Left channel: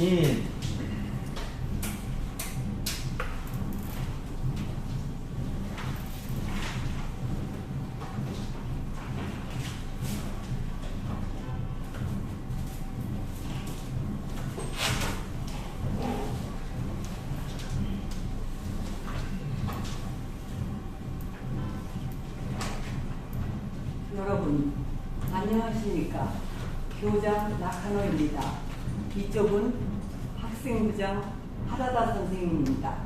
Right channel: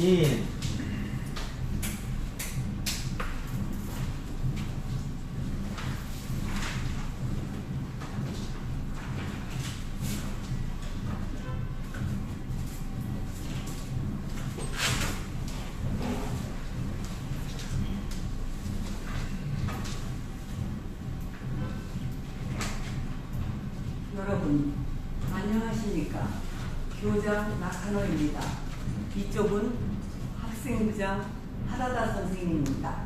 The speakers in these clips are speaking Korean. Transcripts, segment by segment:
인. 여러분 안녕하십니까? 교장 나카노입니다. 이쪽은 학생부장 하라다 선생님입니다.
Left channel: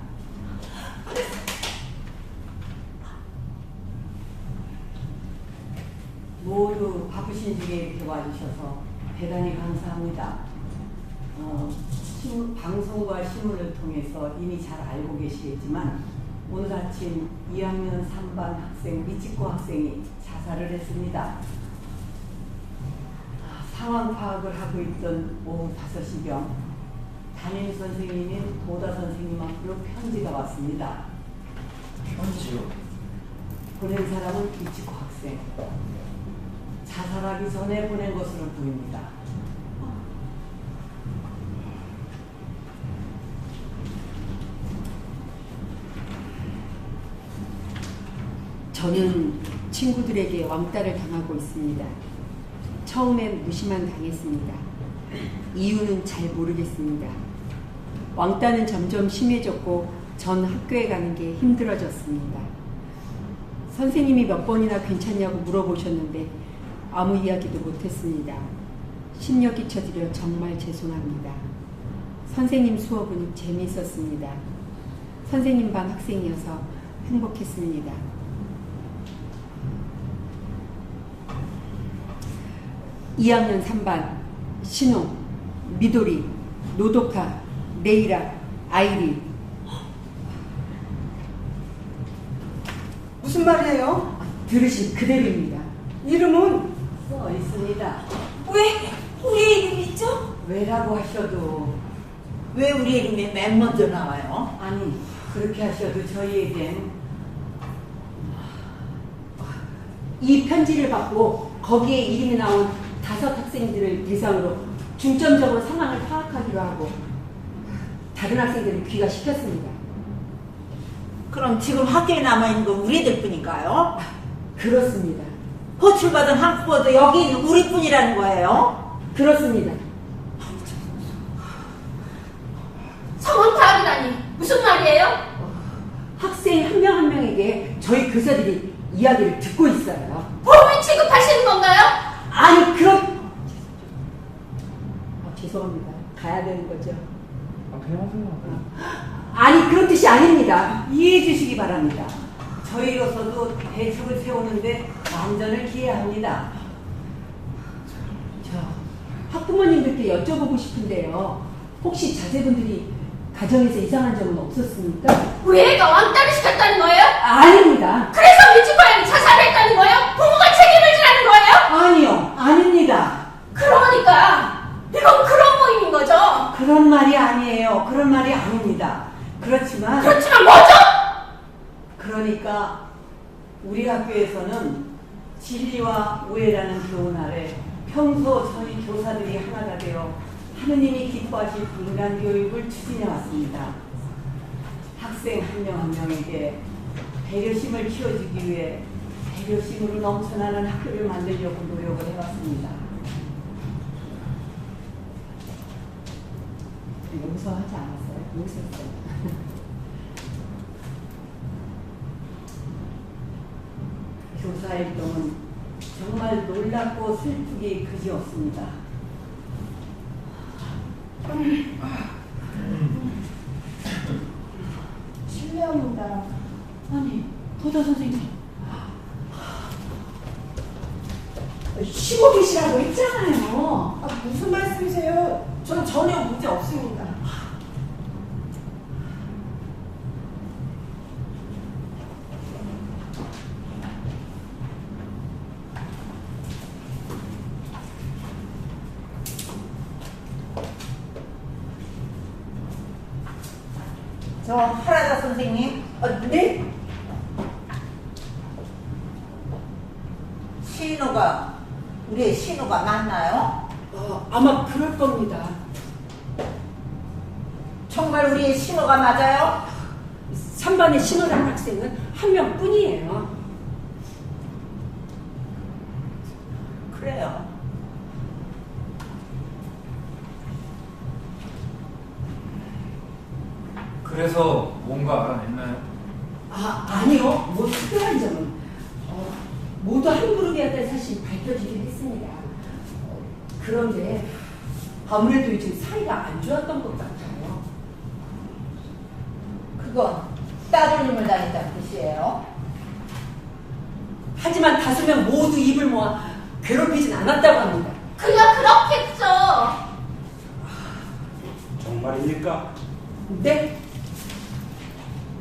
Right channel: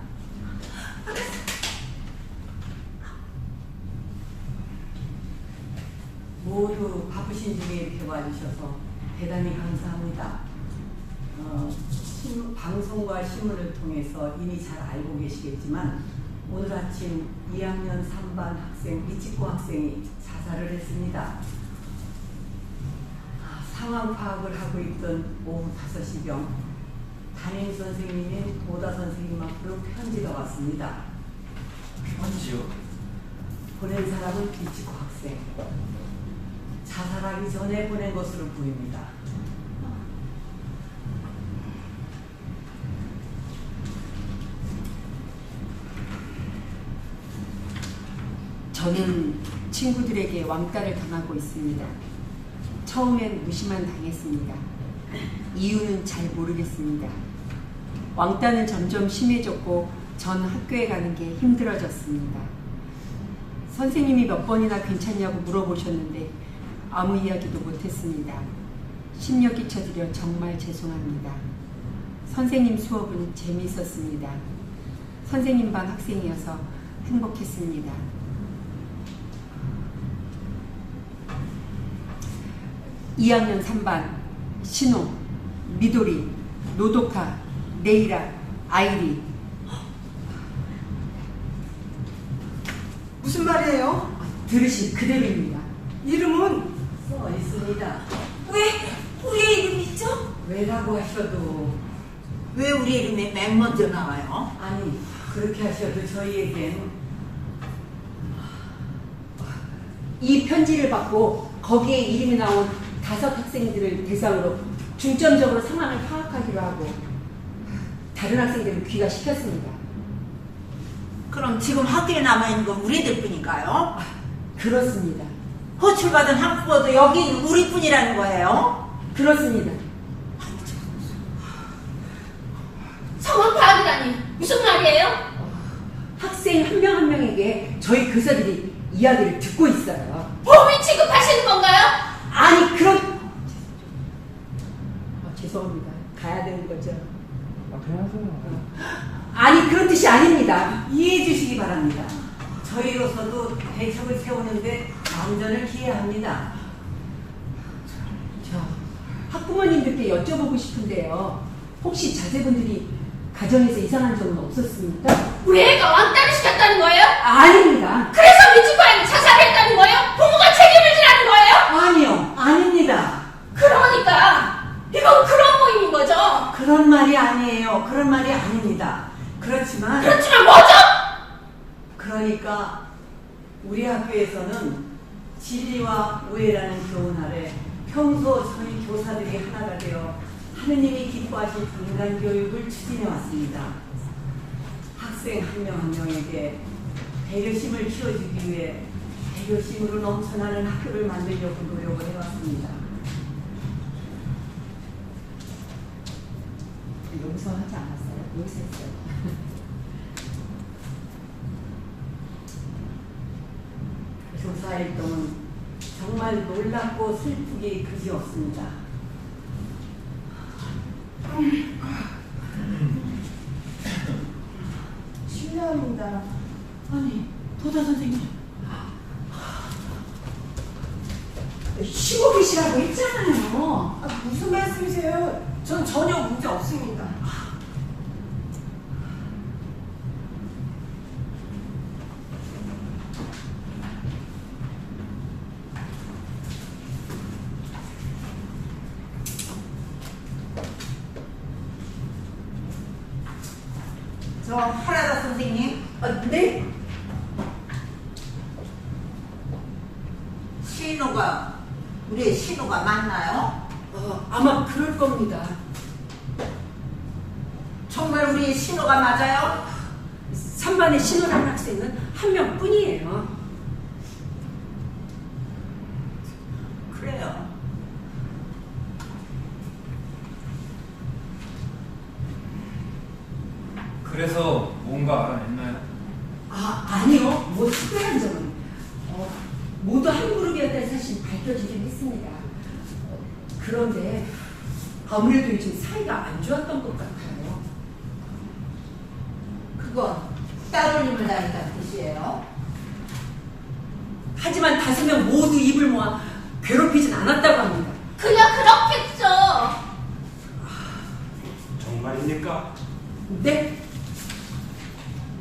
모두 바쁘신 중에 이렇게 와주셔서 대단히 감사합니다. 방송과 신문을 통해서 이미 잘 알고 계시겠지만 오늘 아침 2학년 3반 학생 미치코 학생이 자살을 했습니다. 상황 파악을 하고 있던 오후 5시경 담임 선생님인 도다 선생님 앞으로 편지가 왔습니다. 편지요? 보낸 사람은 미치코 학생. 자살하기 전에 보낸 것으로 보입니다. 저는 친구들에게 왕따를 당하고 있습니다. 처음엔 무시만 당했습니다. 이유는 잘 모르겠습니다. 왕따는 점점 심해졌고 전 학교에 가는 게 힘들어졌습니다. 선생님이 몇 번이나 괜찮냐고 물어보셨는데 아무 이야기도 못했습니다. 심려 끼쳐드려 정말 죄송합니다. 선생님 수업은 재미있었습니다. 선생님 반 학생이어서 행복했습니다. 2학년 3반 신호, 미도리, 노도카, 네이라, 아이리. 무슨 말이에요? 들으신 그대로입니다. 이름은? 써 있습니다. 왜 우리 이름이 있죠? 왜라고 하셔도 왜 우리 이름이 맨 먼저 나와요? 아니 그렇게 하셔도 저희에겐 이 편지를 받고 거기에 이름이 나온 5 학생들을 대상으로 중점적으로 상황을 파악하기로 하고 다른 학생들을 귀가시켰습니다. 그럼 지금 학교에 남아있는 건 우리들 뿐인가요? 그렇습니다. 호출받은 학부모도 여긴 우리뿐이라는 거예요? 그렇습니다. 상황 파악이라니 무슨 말이에요? 학생 한 명 한 명에게 저희 교사들이 이야기를 듣고 있어요. 범인 취급하시는 건가요? 아니 죄송합니다. 가야 되는 거죠? 그냥 하세요. 아니 그런 뜻이 아닙니다. 이해해 주시기 바랍니다. 저희로서도 대책을 세우는데 만전을 기해합니다. 저 학부모님들께 여쭤보고 싶은데요. 혹시 자제분들이 가정에서 이상한 점은 없었습니까? 우리 애가 왕따를 시켰다는 거예요? 아닙니다. 그래서 미치코양이 자살했다는 거예요? 부모가 책임을 지라는 거예요? 아니요, 아닙니다. 그러니까 이건 그런 모임인 거죠? 그런 말이 아니에요. 그런 말이 아닙니다. 그렇지만 뭐죠? 그러니까 우리 학교에서는 진리와 우애라는 교훈 아래 평소 저희 교사들이 하나가 되어 하느님이 기뻐하실 인간 교육을 추진해 왔습니다. 학생 한 명 한 명에게 배려심을 키워주기 위해 배려심으로 넘쳐나는 학교를 만들려고 노력을 해왔습니다. 용서하지 않았어요. 용서했어요. 교사 활동은 정말 놀랍고 슬프게 그지없습니다. 실례합니다. 아니, 도다 선생님. 쉬고 계시라고 했잖아요. 무슨 말씀이세요? 전 전혀 문제 없습니다. 저 하라다 선생님. 네? 우리의 신우가 맞나요? 아마 그럴 겁니다. 정말 우리의 신호가 맞아요? 3반에 신호라는 학생은 한 명뿐이에요. 그래요. 그래서 뭔가 알아냈나요? 아니요. 뭐 특별한 점은 모두 한 그룹이었다는 사실 밝혀지긴 했습니다. 그런데 아무래도 요즘 사이가 안 좋았던 것 같아요. 그건 따돌림을 당했다는 뜻이에요. 하지만 5명 모두 입을 모아 괴롭히진 않았다고 합니다. 그냥 그렇겠죠. 정말입니까? 네?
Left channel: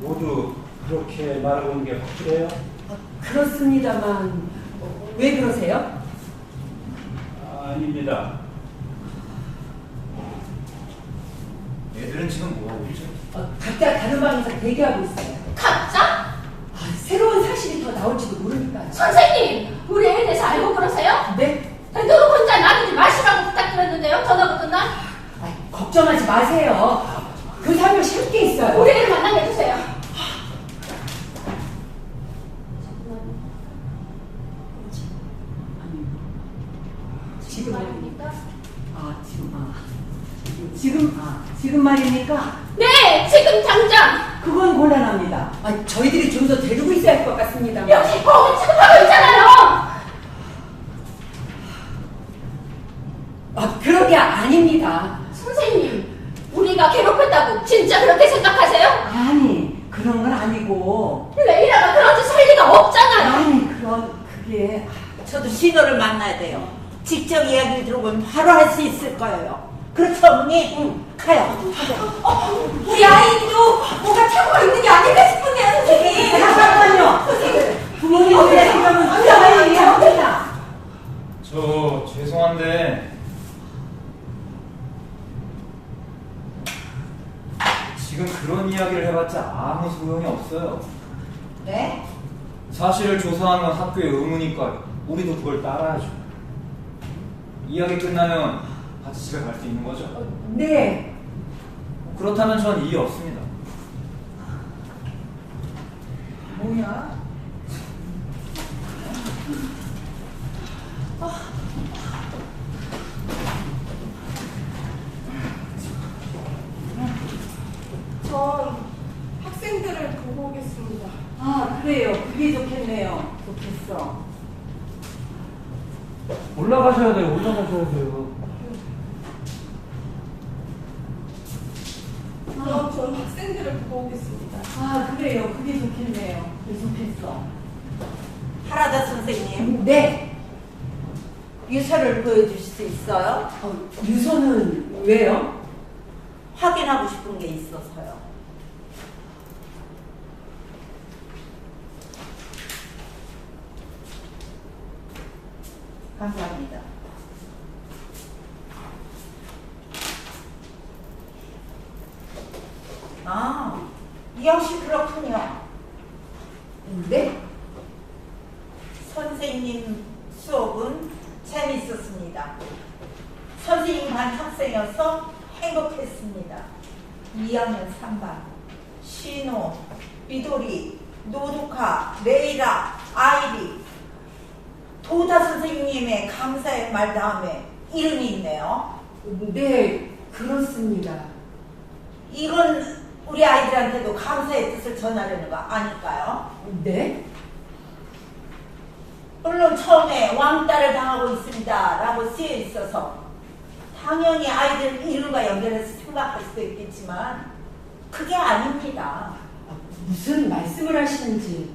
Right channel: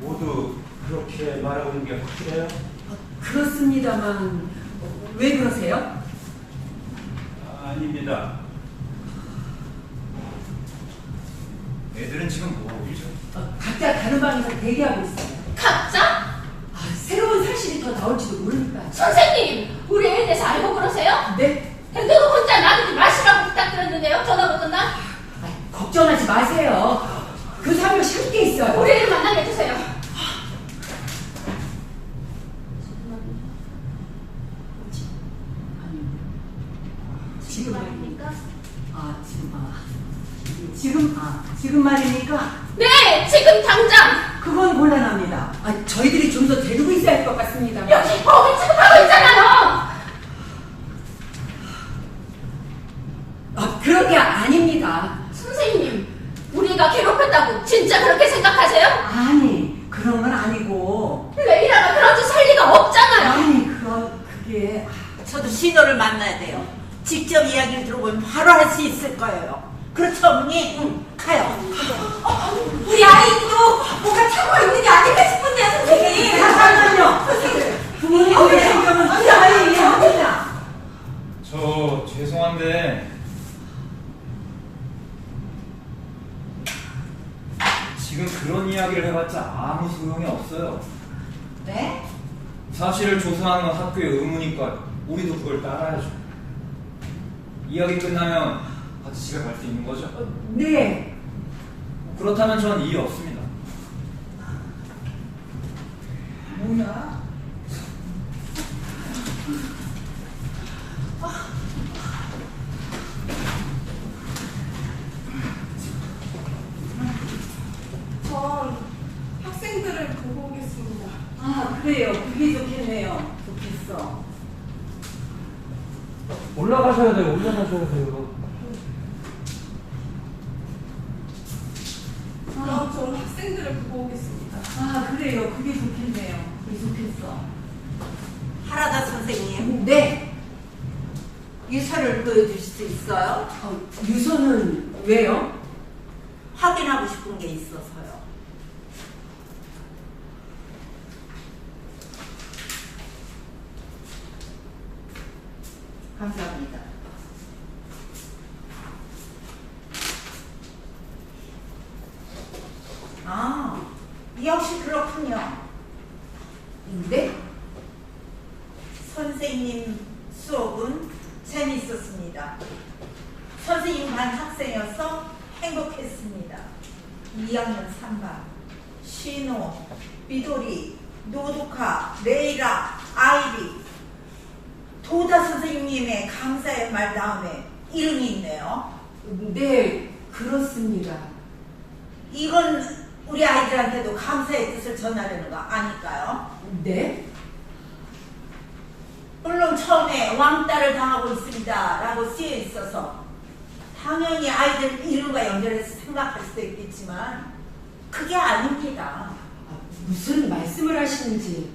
모두 그렇게 말하는 게 확실해요? 그렇습니다만 왜 그러세요? 아닙니다. 애들은 지금 뭐하고 있죠? 각자 다른 방에서 대기하고 있어요. 각자? 새로운 사실이 더 나올지도 모르니까요. 선생님, 우리 애에 대해서 알고 그러세요? 네? 애들은 혼자 나누지 마시라고 부탁드렸는데요. 전화 못 듣나? 걱정하지 마세요. 그 3명씩 함께 있어요. 우리 애를 만나게 해주세요. 지금 말입니까? 지금 말입니까? 네, 지금 당장. 그건 곤란합니다. 저희들이 좀 더 데리고 있어야 할 것 같습니다. 여기 거기 취급하고 있잖아요. 그런 게 아닙니다. 선생님, 우리가 괴롭혔다고 진짜 그렇게 생각하세요? 아니, 그런 건 아니고. 레이라가 그런 짓 할 리가 없잖아요. 아니, 그게. 저도 신호를 만나야 돼요. 직접 이야기를 들어보면 바로 할 수 있을 거예요. 그렇죠, 어머니? 응, 가요. 우리 아이도 뭐가 차고가 있는 게 아닐까 싶은데요, 선생님. 잠깐만요. 부모님들의 생각은 우리 아이에게 합니다. 저 죄송한데 지금 그런 이야기를 해봤자 아무 소용이 없어요. 네? 사실을 조사하는 건 학교의 의무니까 우리도 그걸 따라야죠. 이야기 끝나면 같이 집에 갈 수 있는 거죠? 네. 그렇다면 전 이의 없습니다. 뭐야? 전 학생들을 보고 오겠습니다. 그래요. 그게 좋겠네요. 좋겠어. 올라가셔야 돼요. 올라가셔야 돼요. 그럼 저는 학생들을 보고 오겠습니다. 그래요. 그게 좋겠네요. 그게 좋겠어. 하라다 선생님, 네. 유서를 보여주실 수 있어요? 유서는 왜요? 확인하고 싶은 게 있어서요. 감사합니다. 역시 그렇군요. 네? 선생님 수업은 재밌었습니다. 선생님 반 학생이어서 행복했습니다. 2학년 3반 신호, 미도리, 노도카, 레이라, 아이리 도다 선생님의 감사의 말 다음에 이름이 있네요. 네, 그렇습니다. 이건 우리 아이들한테도 감사의 뜻을 전하려는 거 아닐까요? 네? 물론 처음에 왕따를 당하고 있습니다 라고 쓰여 있어서 당연히 아이들 이름과 연결해서 생각할 수도 있겠지만 그게 아닙니다. 무슨 말씀을 하시는지.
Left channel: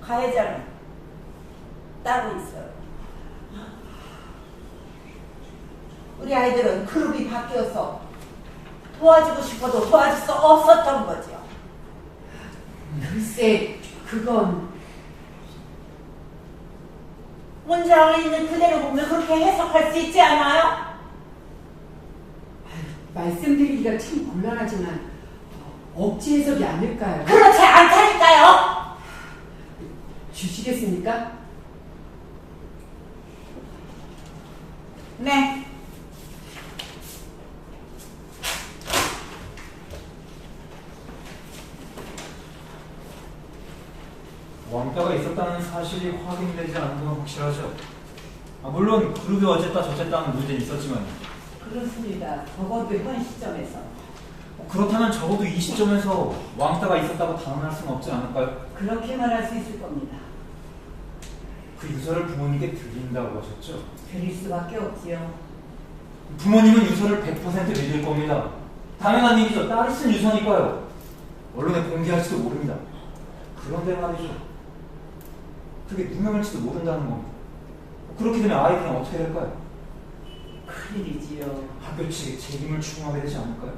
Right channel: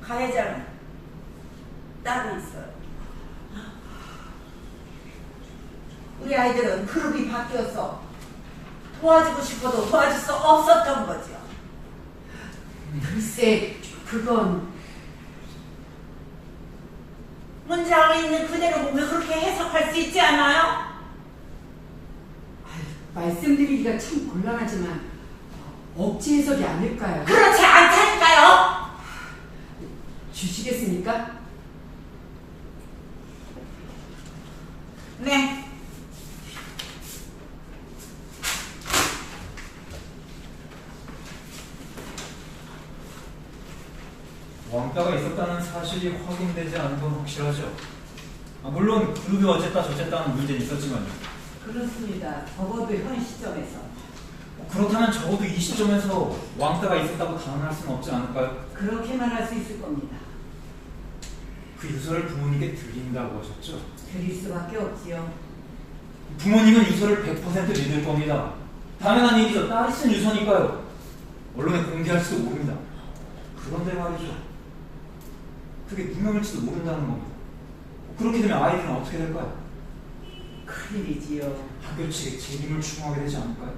가해자는 따로 있어요. 우리 아이들은 그룹이 바뀌어서 도와주고 싶어도 도와줄 수 없었던 거죠. 글쎄, 그건 문장에 있는 그대로 보면 그렇게 해석할 수 있지 않아요? 말씀드리기가 참 곤란하지만 억지 해석이 아닐까요? 그렇지 않다니까요. 주시겠습니까? 네. 왕따가 있었다는 사실이 확인되지 않은 건 확실하죠. 물론 그룹이 어쨌다 저쨌다 하는 문제는 있었지만 그렇습니다. 적어도 현 시점에서. 그렇다면 적어도 이 시점에서 왕따가 있었다고 단언할 수는 없지 않을까요? 그렇게만 할 수 있을 겁니다. 그 유서를 부모님께 드린다고 하셨죠? 드릴 수밖에 없지요. 부모님은 유서를 100% 믿을 겁니다. 당연한 일이죠. 딸이 쓴 유서니까요. 언론에 공개할지도 모릅니다. 그런데 말이죠. 그게 누명일지도 모른다는 겁니다. 그렇게 되면 아이들은 어떻게 될까요? 큰일이지요. 학교 측에 책임을 추궁하게 되지 않을까요?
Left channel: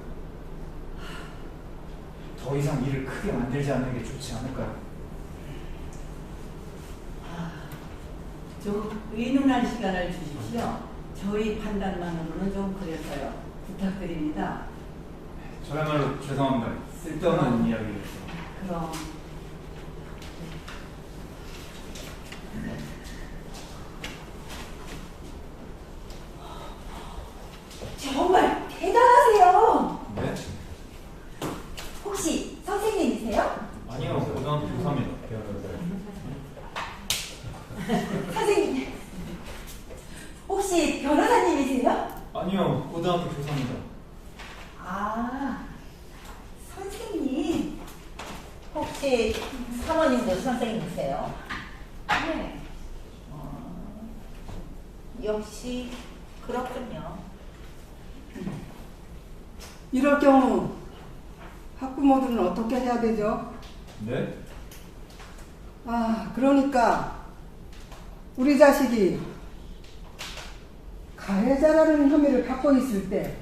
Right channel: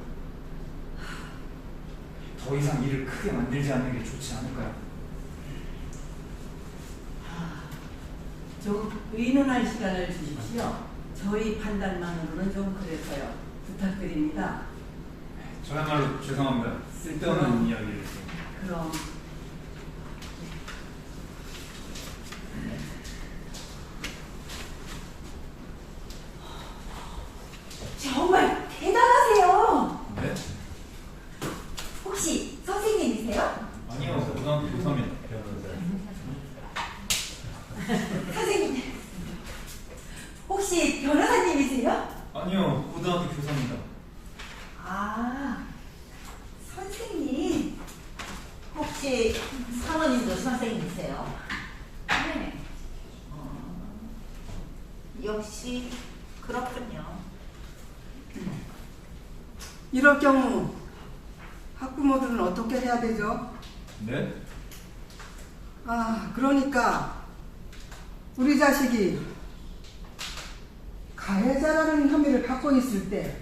더 이상 일을 크게 만들지 않는 게 좋지 않을까요? 좀 의논할 시간을 주십시오. 저희 판단만으로는 좀 그래서요. 부탁드립니다. 저야말로 죄송합니다. 쓸데없는 이야기를 해서. 그럼 정말 대단하세요. 네? 혹시 선생님이세요? 아니요. 고등학교 교사입니다. 선생님, 혹시 변호사님이세요? 아니요. 고등학교 교사입니다. 아, 선생님. 혹시 사모님도 선생님이세요? 네. 역시 그렇군요. 이럴 경우 학부모들은 어떻게 해야 되죠? 네? 그러니까 우리 자식이 가해자라는 혐의를 받고 있을 때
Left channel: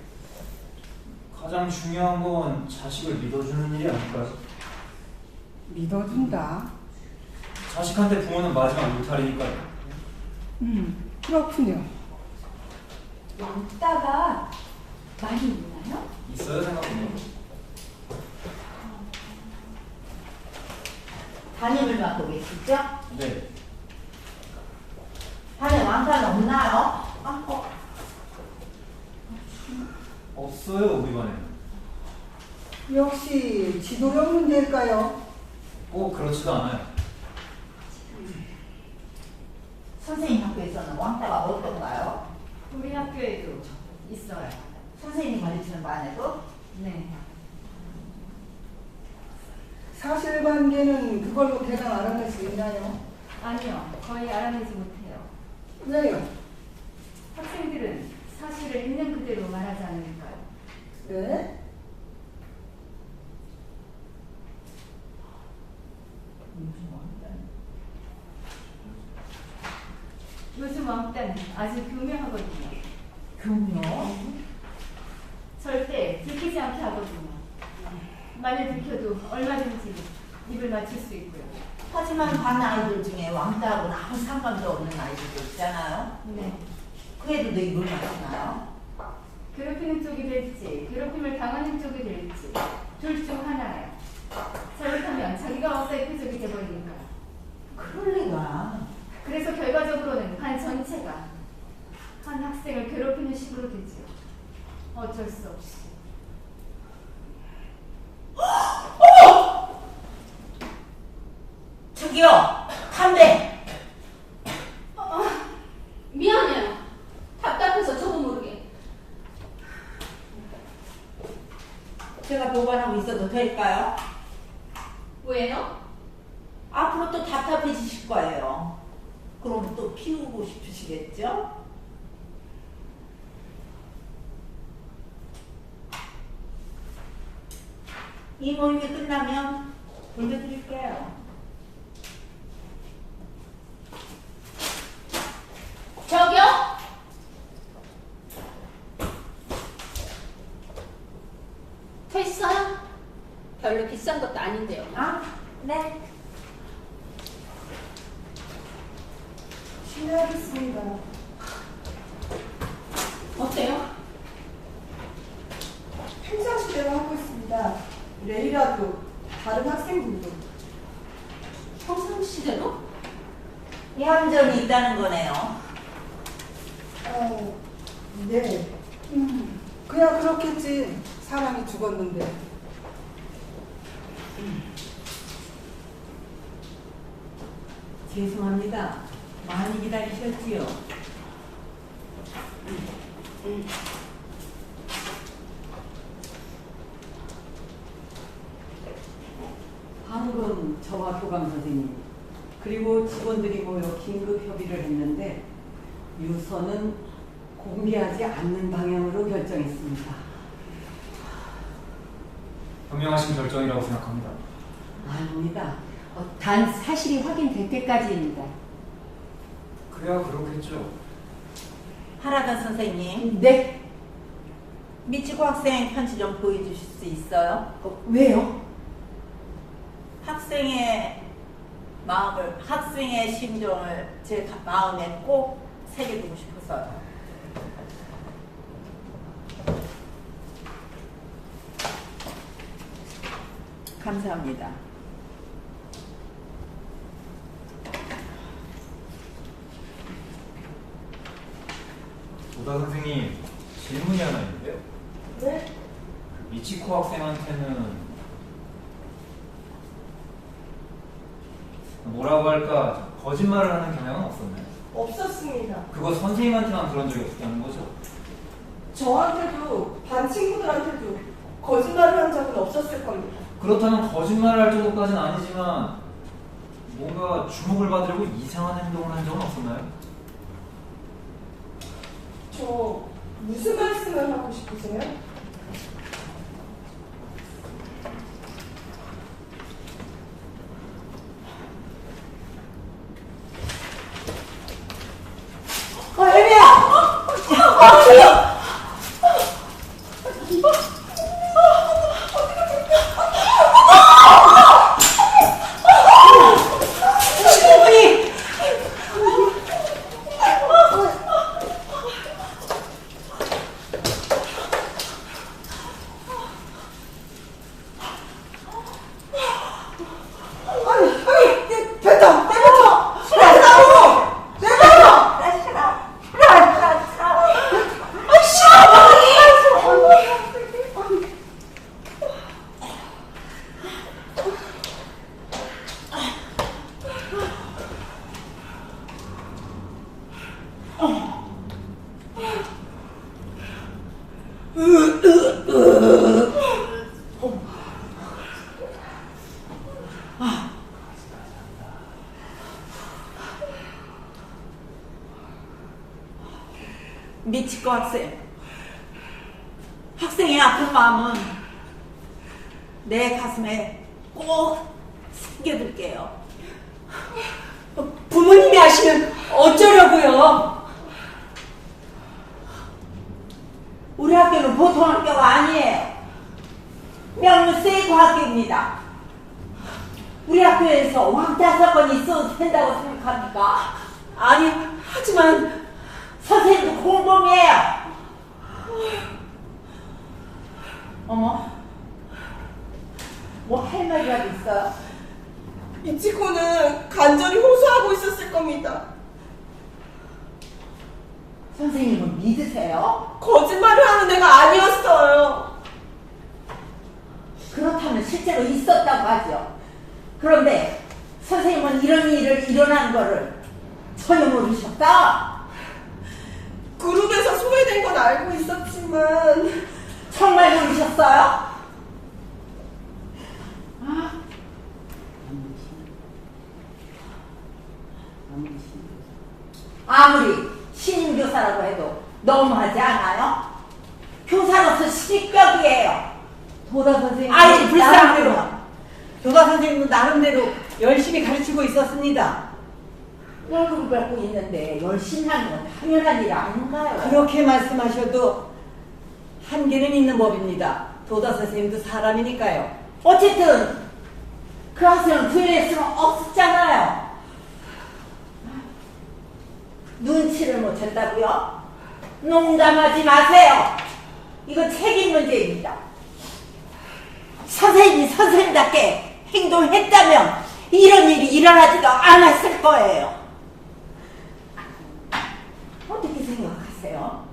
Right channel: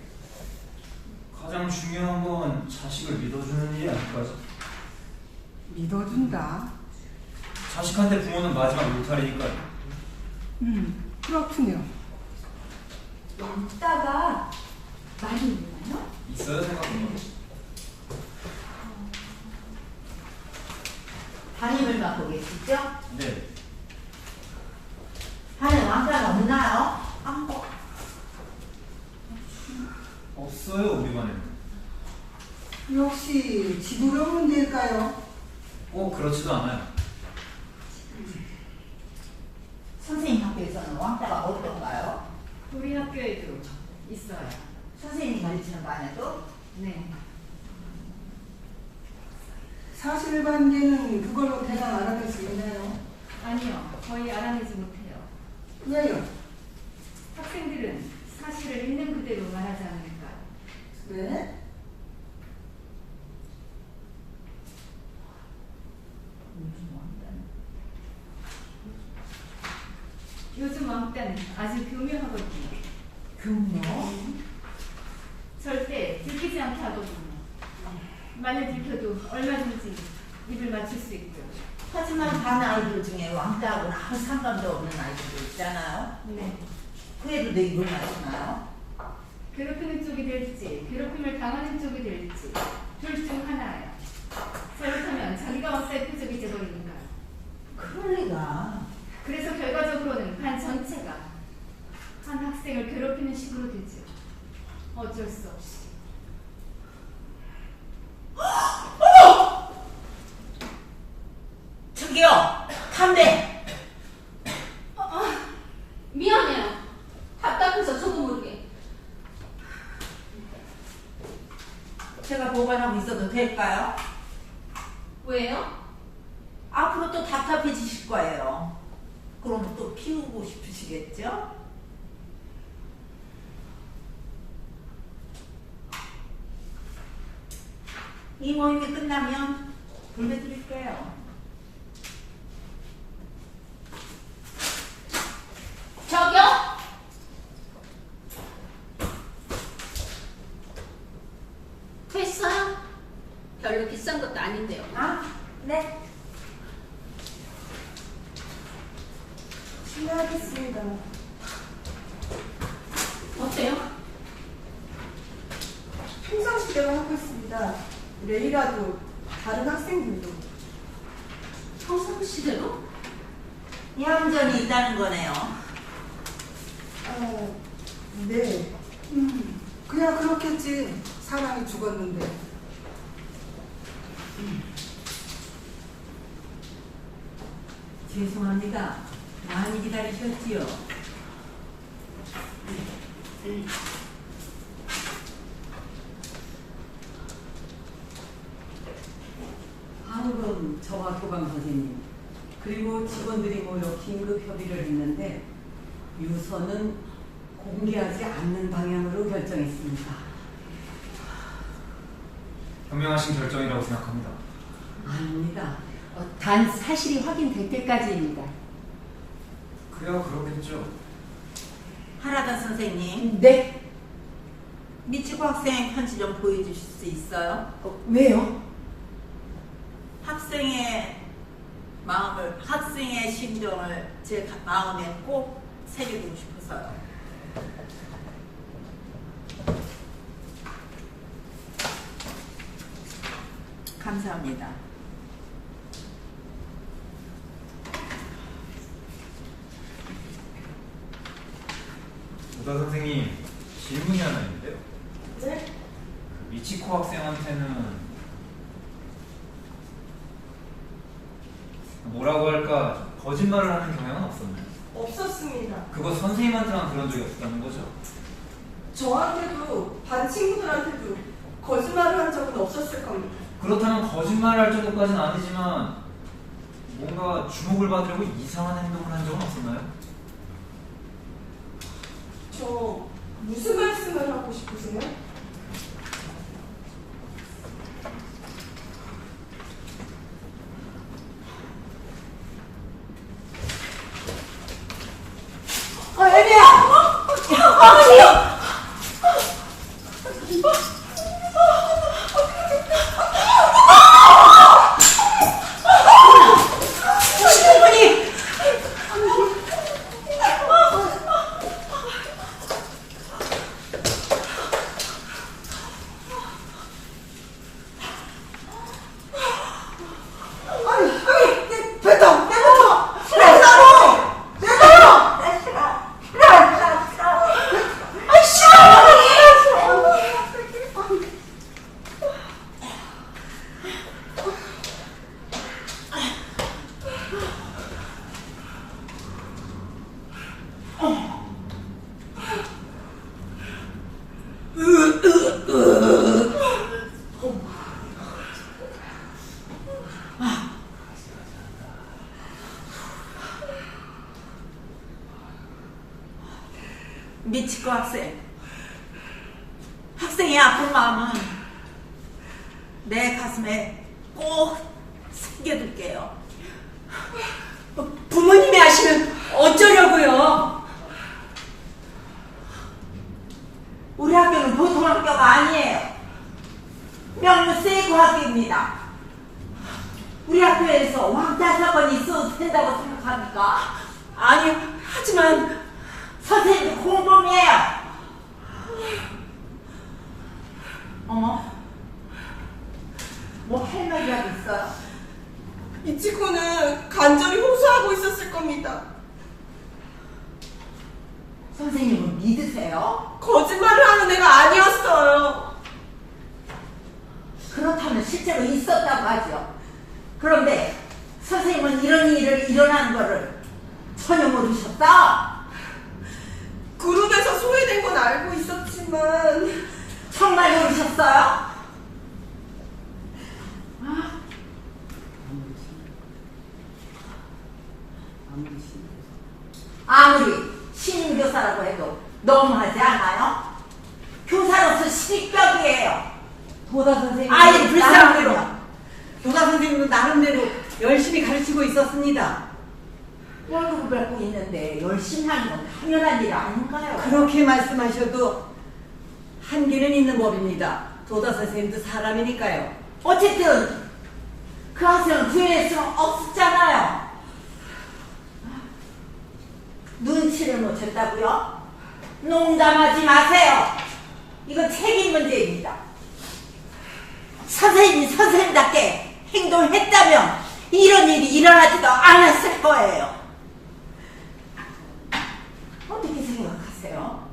가장 중요한 건 자식을 믿어주는 일이 아닐까요? 믿어준다. 자식한테 부모는 마지막 울타리니까요. 그렇군요. 왕따가 많이 있나요? 있어요, 생각보다. 담임을 맡고 계시죠? 네. 반에 왕따는 없나요? 없어요, 우리 반에는. 역시 지도력 문제일까요? 꼭 그렇지도 않아요. 선생님 학교에서는 왕따가 어떤가요? 우리 학교에도 있어요. 선생님이 가르치는 반에도? 네. 사실관계는 그걸로 대강 알아낼 수 있나요? 아니요. 거의 알아내지 못해요. 왜요? 학생들은 사실을 있는 그대로 말하지 않으니까요. 네? 요즘 왕따는 아주 교묘하거든요. 교묘? 절대 들키지 않게 하거든요. 만약 들켜도 얼마든지 입을 맞출 수 있고요. 하지만 반 아이들 중에 왕따하고는 아무 상관도 없는 아이들도 있잖아요. 네. 그래도 내 입을 맞추나요? 괴롭히는 쪽이 될지 괴롭힘을 당하는 쪽이 될지 둘 중 하나예요. 잘못하면 자기가 셀프적이 돼버리니까요. 그럴 리가. 그래서 결과적으로는 반 전체가 한 학생을 괴롭히는 식으로 되죠. 어쩔 수 없이. 저기요, 담배. 미안해요. 답답해서 저도 모르게. 제가 보관하고 있어도 될까요? 왜요? 앞으로 또 답답해지실 거예요. 그럼 또 피우고 싶으시겠죠? 이 모임이 끝나면 돌려드릴게요. 저기요? 됐어요? 별로 비싼 것도 아닌데요. 아, 네. 실례하겠습니다. 어때요? 평상시대로 하고 있습니다. 내일이라도 다른 학생들도 평상시대로? 얌전히 있다는 거네요. 네. 그냥 그렇겠지. 사람이 죽었는데. 죄송합니다. 많이 기다리셨지요? 방금 저와 교감 선생님 그리고 직원들이 모여 긴급 협의를 했는데 유서는 공개하지 않는 방향으로 결정했습니다. 현명하신 결정이라고 생각합니다. 아닙니다. 단 사실이 확인될 때까지입니다. 그래야 그러겠죠. 하라다 선생님, 네? 미치코 학생 편지 좀 보여주실 수 있어요? 왜요? 학생의 마음을, 학생의 심정을 제 마음에 꼭 새겨두고 싶어서요. 감사합니다. 오다 선생님, 질문이 하나 있는데요. 네? 미치코 학생한테는 뭐라고 할까, 거짓말을 하는 경향은 없었나요? 없었습니다. 그거 선생님한테만 그런 적이 없다는 거죠? 저한테도 반 친구들한테도 거짓말을 한 적은 없었을 겁니다. 그렇다면 거짓말을 할 정도까지는 아니지만 뭔가 주목을 받으려고 이상한 행동을 한 적은 없었나요? 저 무슨 말씀을 하고 싶으세요? 미치코 학생의 아픈 마음은 내 가슴에 꼭 새겨둘게요. 부모님이 아시면 어쩌려고요? 우리 학교는 보통 학교가 아니에요. 명문 세이브 학교입니다. 우리 학교에서 왕따 사건이 있어도 된다고 생각합니까? 아니, 하지만 선생님도 공범이에요. 어머, 뭐 할 말이라도 있어요? 이치코는 간절히 호소하고 있었을 겁니다. 선생님은 믿으세요? 거짓말을 하는 애가 아니었어요. 그렇다면 실제로 있었다고 하죠. 그런데 선생님은 이런 일을 일어난 거를 전혀 모르셨다? 그룹에서 소외된 건 알고 있었지만 정말 모르셨어요? 아무리 신임교사라고 해도 너무하지 않아요? 교사로서 실격이에요. 도다 선생님 아이, 불쌍해요. 도다 선생님도 나름대로 열심히 가르치고 있었습니다. 월급을 받고 있는데 열심히 하는 건 당연한 일 아닌가요? 그렇게 말씀하셔도 한계는 있는 법입니다. 도다 선생님도 사람이니까요. 어쨌든 그 학생은 구현할 수는 없었잖아요. 눈치를 못 챘다고요? 농담하지 마세요. 이건 책임 문제입니다. 선생님이 선생님답게 행동했다면 이런 일이 일어나지도 않았을 거예요. 어떻게 생각하세요?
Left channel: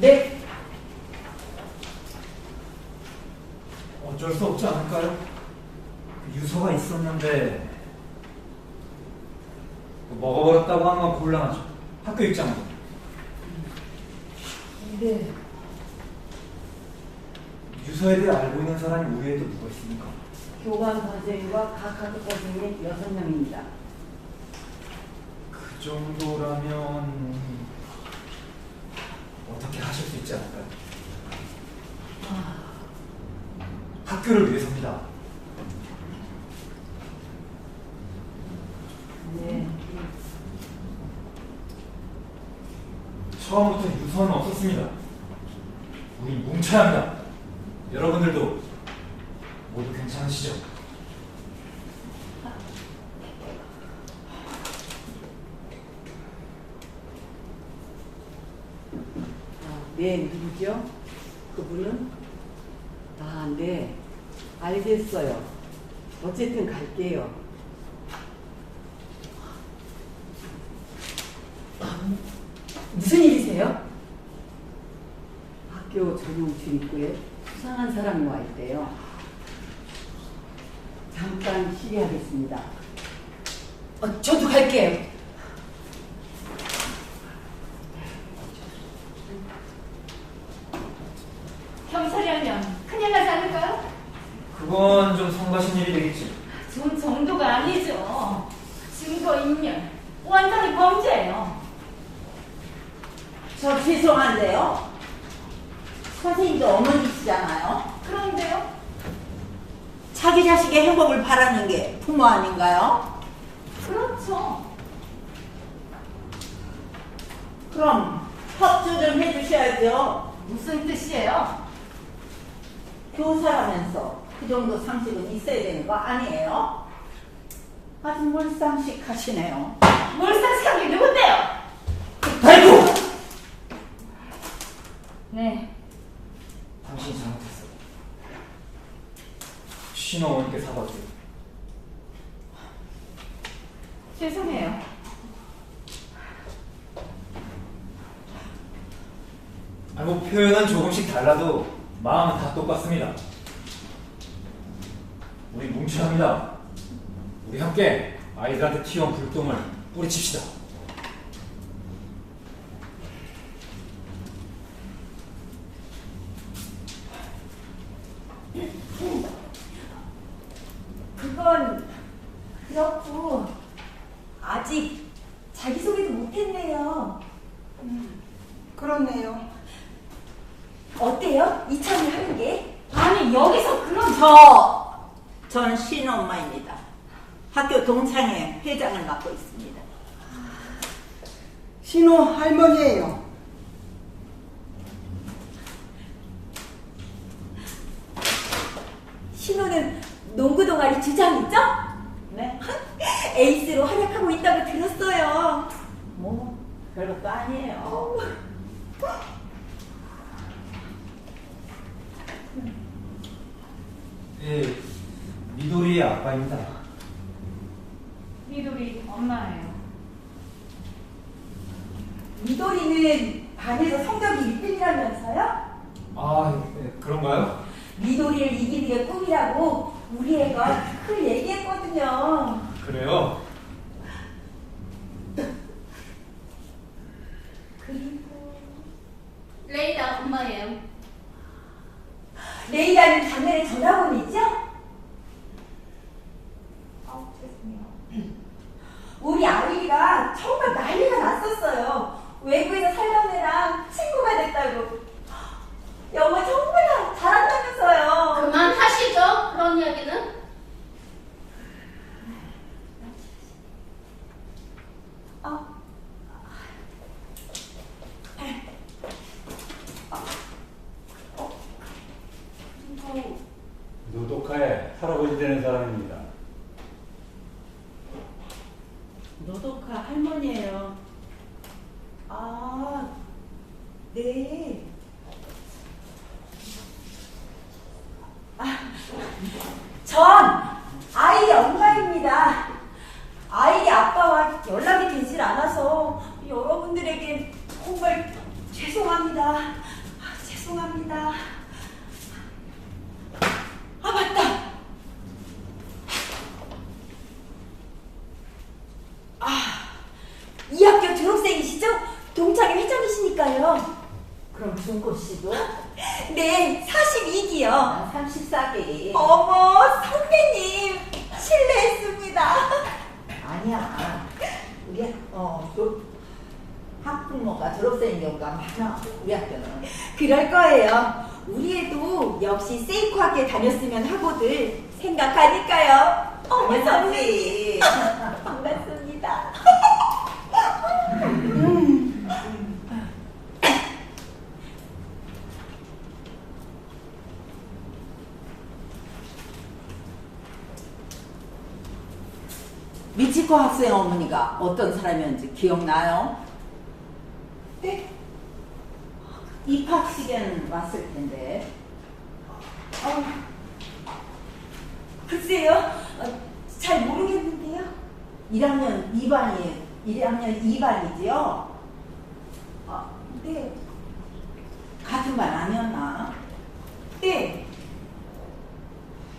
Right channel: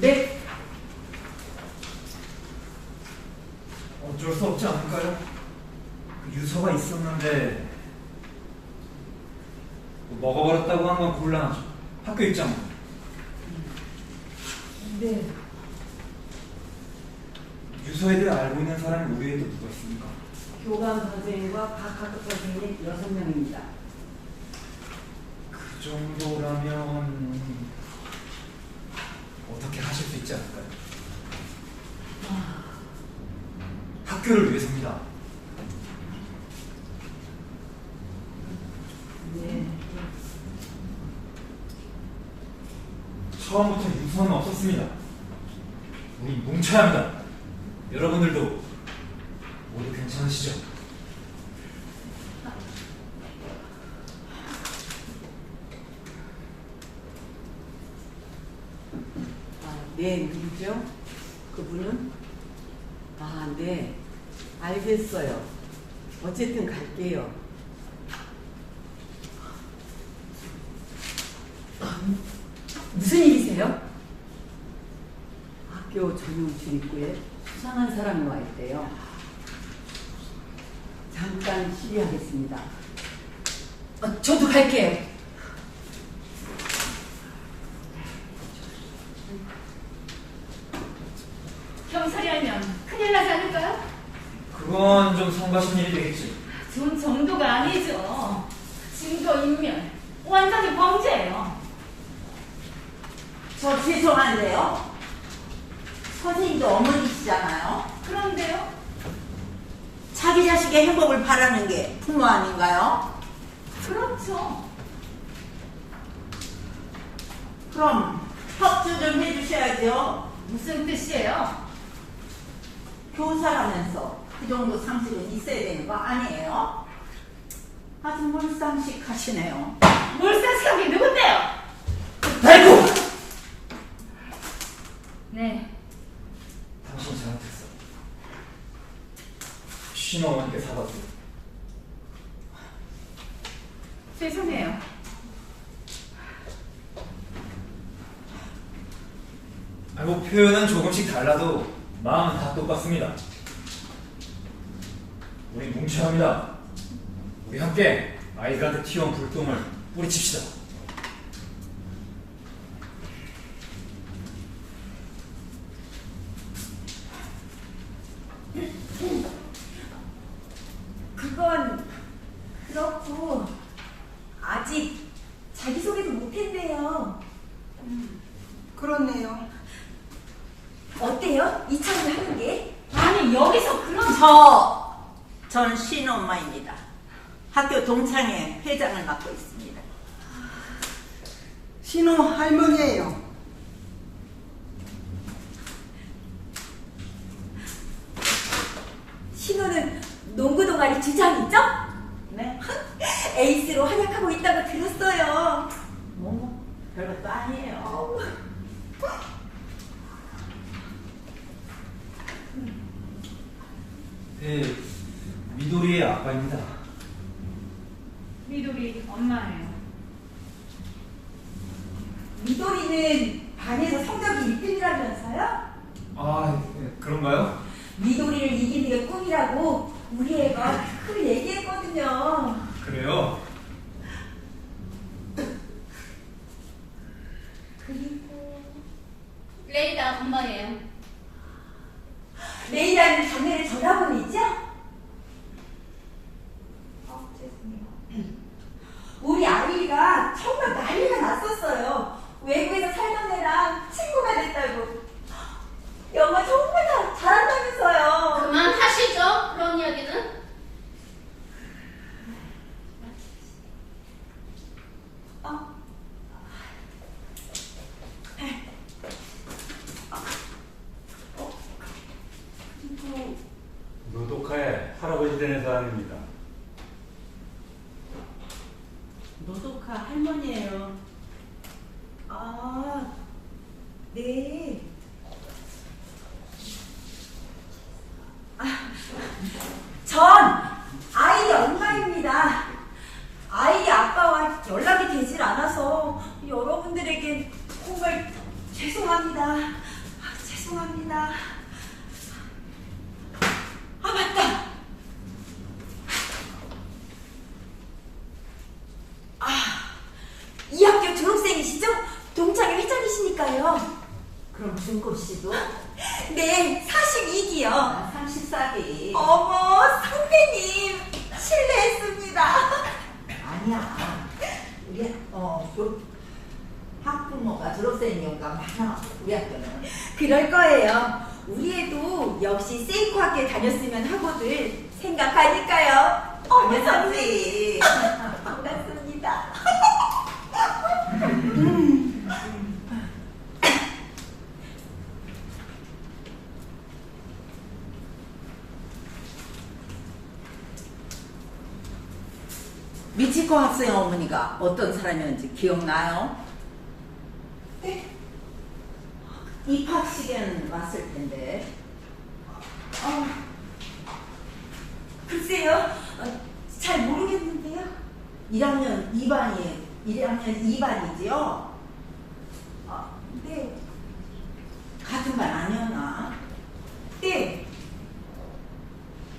네. 어쩔 수 없지 않을까요? 그 유서가 있었는데 먹어버렸다고 하는 건 곤란하죠. 학교 입장으로. 네. 유서에 대해 알고 있는 사람이 우리 애도 누가 있습니까? 교감 선생님과 각 학급 선생님 6명입니다. 그 정도라면 어떻게 하실 수 있지 않을까요? 학교를 위해서입니다. 네. 처음부터 유서는 없었습니다. 우리 뭉쳐야 합니다. 여러분들도 모두 괜찮으시죠? 네, 누구죠? 그분은? 네. 알겠어요. 어쨌든 갈게요. 무슨 일이세요? 학교 전용 출입구에 수상한 사람이 와 있대요. 잠깐 시위하겠습니다. 저도 갈게요. 경찰이 알면 큰일 나지 않을까요? 그건 좀 성가신 일이 되겠지. 좀 정도가 아니죠. 증거인멸. 완전히 범죄예요. 저 죄송한데요. 선생님도 어머니시잖아요. 그런데요? 자기 자식의 행복을 바라는 게 부모 아닌가요? 그렇죠. 그럼 협조 좀 해주셔야죠. 무슨 뜻이에요? 교사라면서 그 정도 상식은 있어야 되는 거 아니에요? 아주 몰상식 하시네요. 몰상식한 게 누군데요? 아이고! 네. 당신이 잘못했어. 신어머니께 사과드려. 죄송해요. 표현은 조금씩 달라도 마음은 다 똑같습니다. 우리 뭉쳐야 합니다. 우리 함께 아이들한테 튀어온 불똥을 뿌리칩시다. 그건 그렇고 아직 자기소개도 못했네요. 그렇네요. 어때요? 이참에 하는 게? 아니 여기서 그런 전 신엄마입니다. 학교 동창회 회장을 맡고 있습니다. 신호 할머니예요. 신호는 농구 동아리 주장이죠? 네? 에이스로 활약하고 있다고 들었어요. 뭐 별것도 아니에요. 네, 미도리의 아빠입니다. 미도리 엄마예요. 미도리는 반에서 성적이 1등이라면서요? 그런가요? 미도리를 이기는 게 꿈이라고 우리 애가 그걸 얘기했거든요. 그래요? 그리고 레이다 엄마예요. 레이라는 당연히 전학원이죠? 죄송해요. 우리 아이가 정말 난리가 났었어요. 외국에서 살던 애랑 친구가 됐다고. 영어 정말 잘한다면서요. 그만하시죠. 그런 이야기는. 노독하의 할아버지 되는 사람입니다. 노독하 할머니예요. 네. 전 아이의 엄마입니다. 아이의 아빠와 연락이 되질 않아서 여러분들에게 정말 죄송합니다. 준고 씨도? 네, 42기요. 난 34기. 어머, 선배님, 실례했습니다. 아니야. 우리 학부모가 졸업생 경우가 많아. 우리 학교는. 그럴 거예요. 우리 애도 역시 세이코 학교에 다녔으면 하고들 생각하니까요. 어머, 선배님. 당연하지. 반갑습니다. 미치코 학생 어머니가 어떤 사람이었는지 기억나요? 네? 입학식에는 왔을 텐데. 글쎄요, 잘 모르겠는데요. 1학년 2반이지요? 네, 같은 반 아니었나? 네.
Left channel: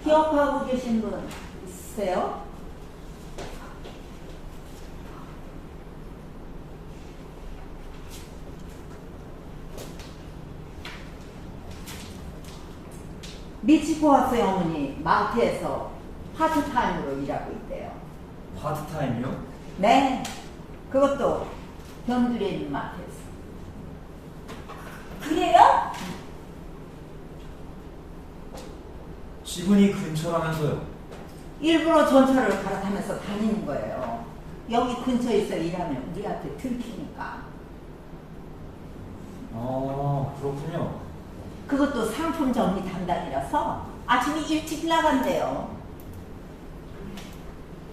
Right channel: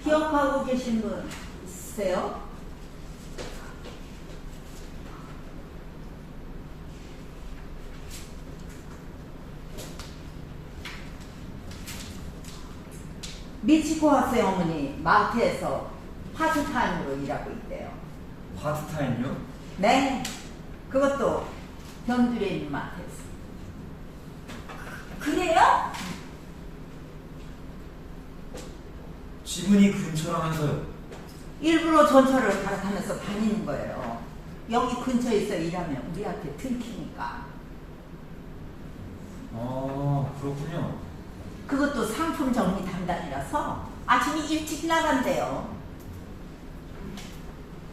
기억하고 계신 분 있으세요? 미치코 학생 어머니 마트에서 파트타임으로 일하고 있대요. 파트타임이요? 네, 그것도 경주에 있는 마트에서. 그래요? 지분이 근처라면서요. 일부러 전철을 갈아타면서 다니는 거예요. 여기 근처에서 일하면 우리한테 들키니까. 그렇군요. 그것도 상품 정리 담당이라서 아침에 일찍 나간대요.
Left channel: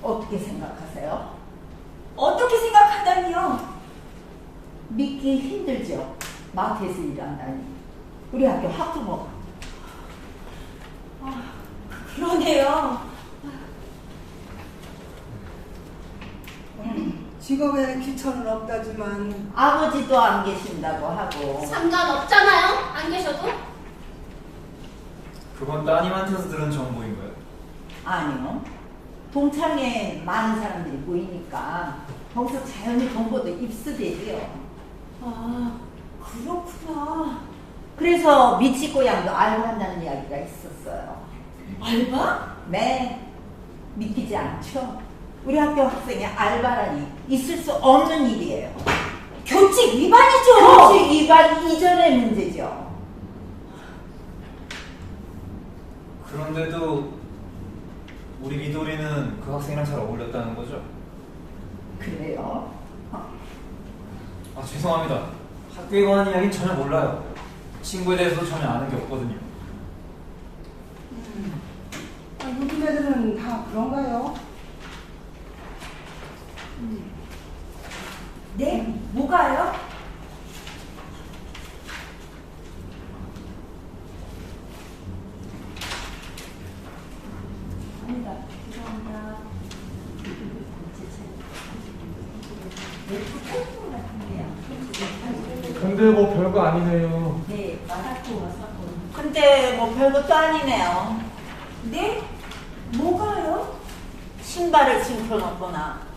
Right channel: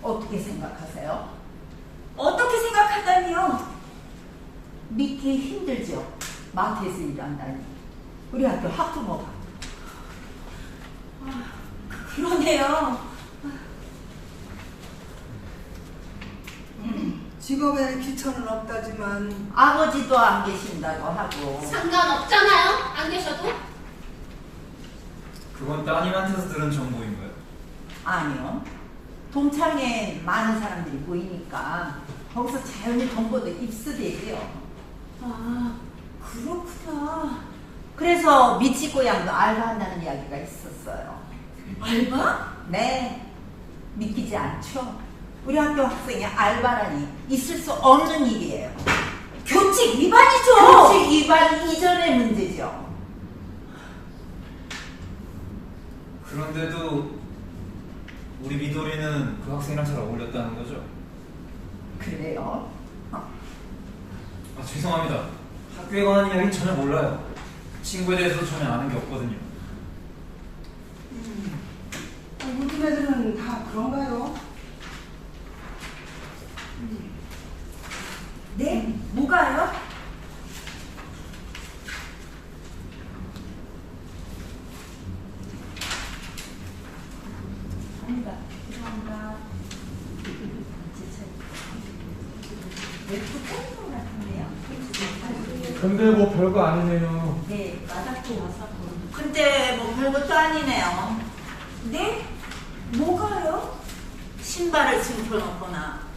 어떻게 생각하세요? 어떻게 생각하다니요? 믿기 힘들죠. 마트에서 일한다니. 우리 학교 학부모가. 그러네요. 직업에 귀천은 없다지만 아버지도 안 계신다고 하고. 상관없잖아요. 안 계셔도. 그건 따님한테서 들은 정보인 거예요. 아니요. 동창회 많은 사람들이 모이니까 거기서 자연히 정보도 입수되지요. 그렇구나. 그래서 미치코 양도 알바한다는 이야기가 있었어요. 알바? 네, 믿기지 않죠? 우리 학교 학생의 알바라니 있을 수 없는 일이에요. 교칙 위반이죠. 교칙 위반 이전의 문제죠. 그런데도 우리 미도리는 그 학생이랑 잘 어울렸다는 거죠? 그래요? 죄송합니다. 학교에 관한 이야기는 전혀 몰라요. 친구에 대해서 전혀 아는 게 없거든요. 요즘 애들은 다 그런가요? 네? 뭐가요? 아니다. 죄송합니다. 왜 핸드폰 같은데요? 근데 뭐 별거 아니네요. 네, 맞았고. 근데 뭐 별것도 아니네요. 네? 뭐가요? 신발을 징표놓거나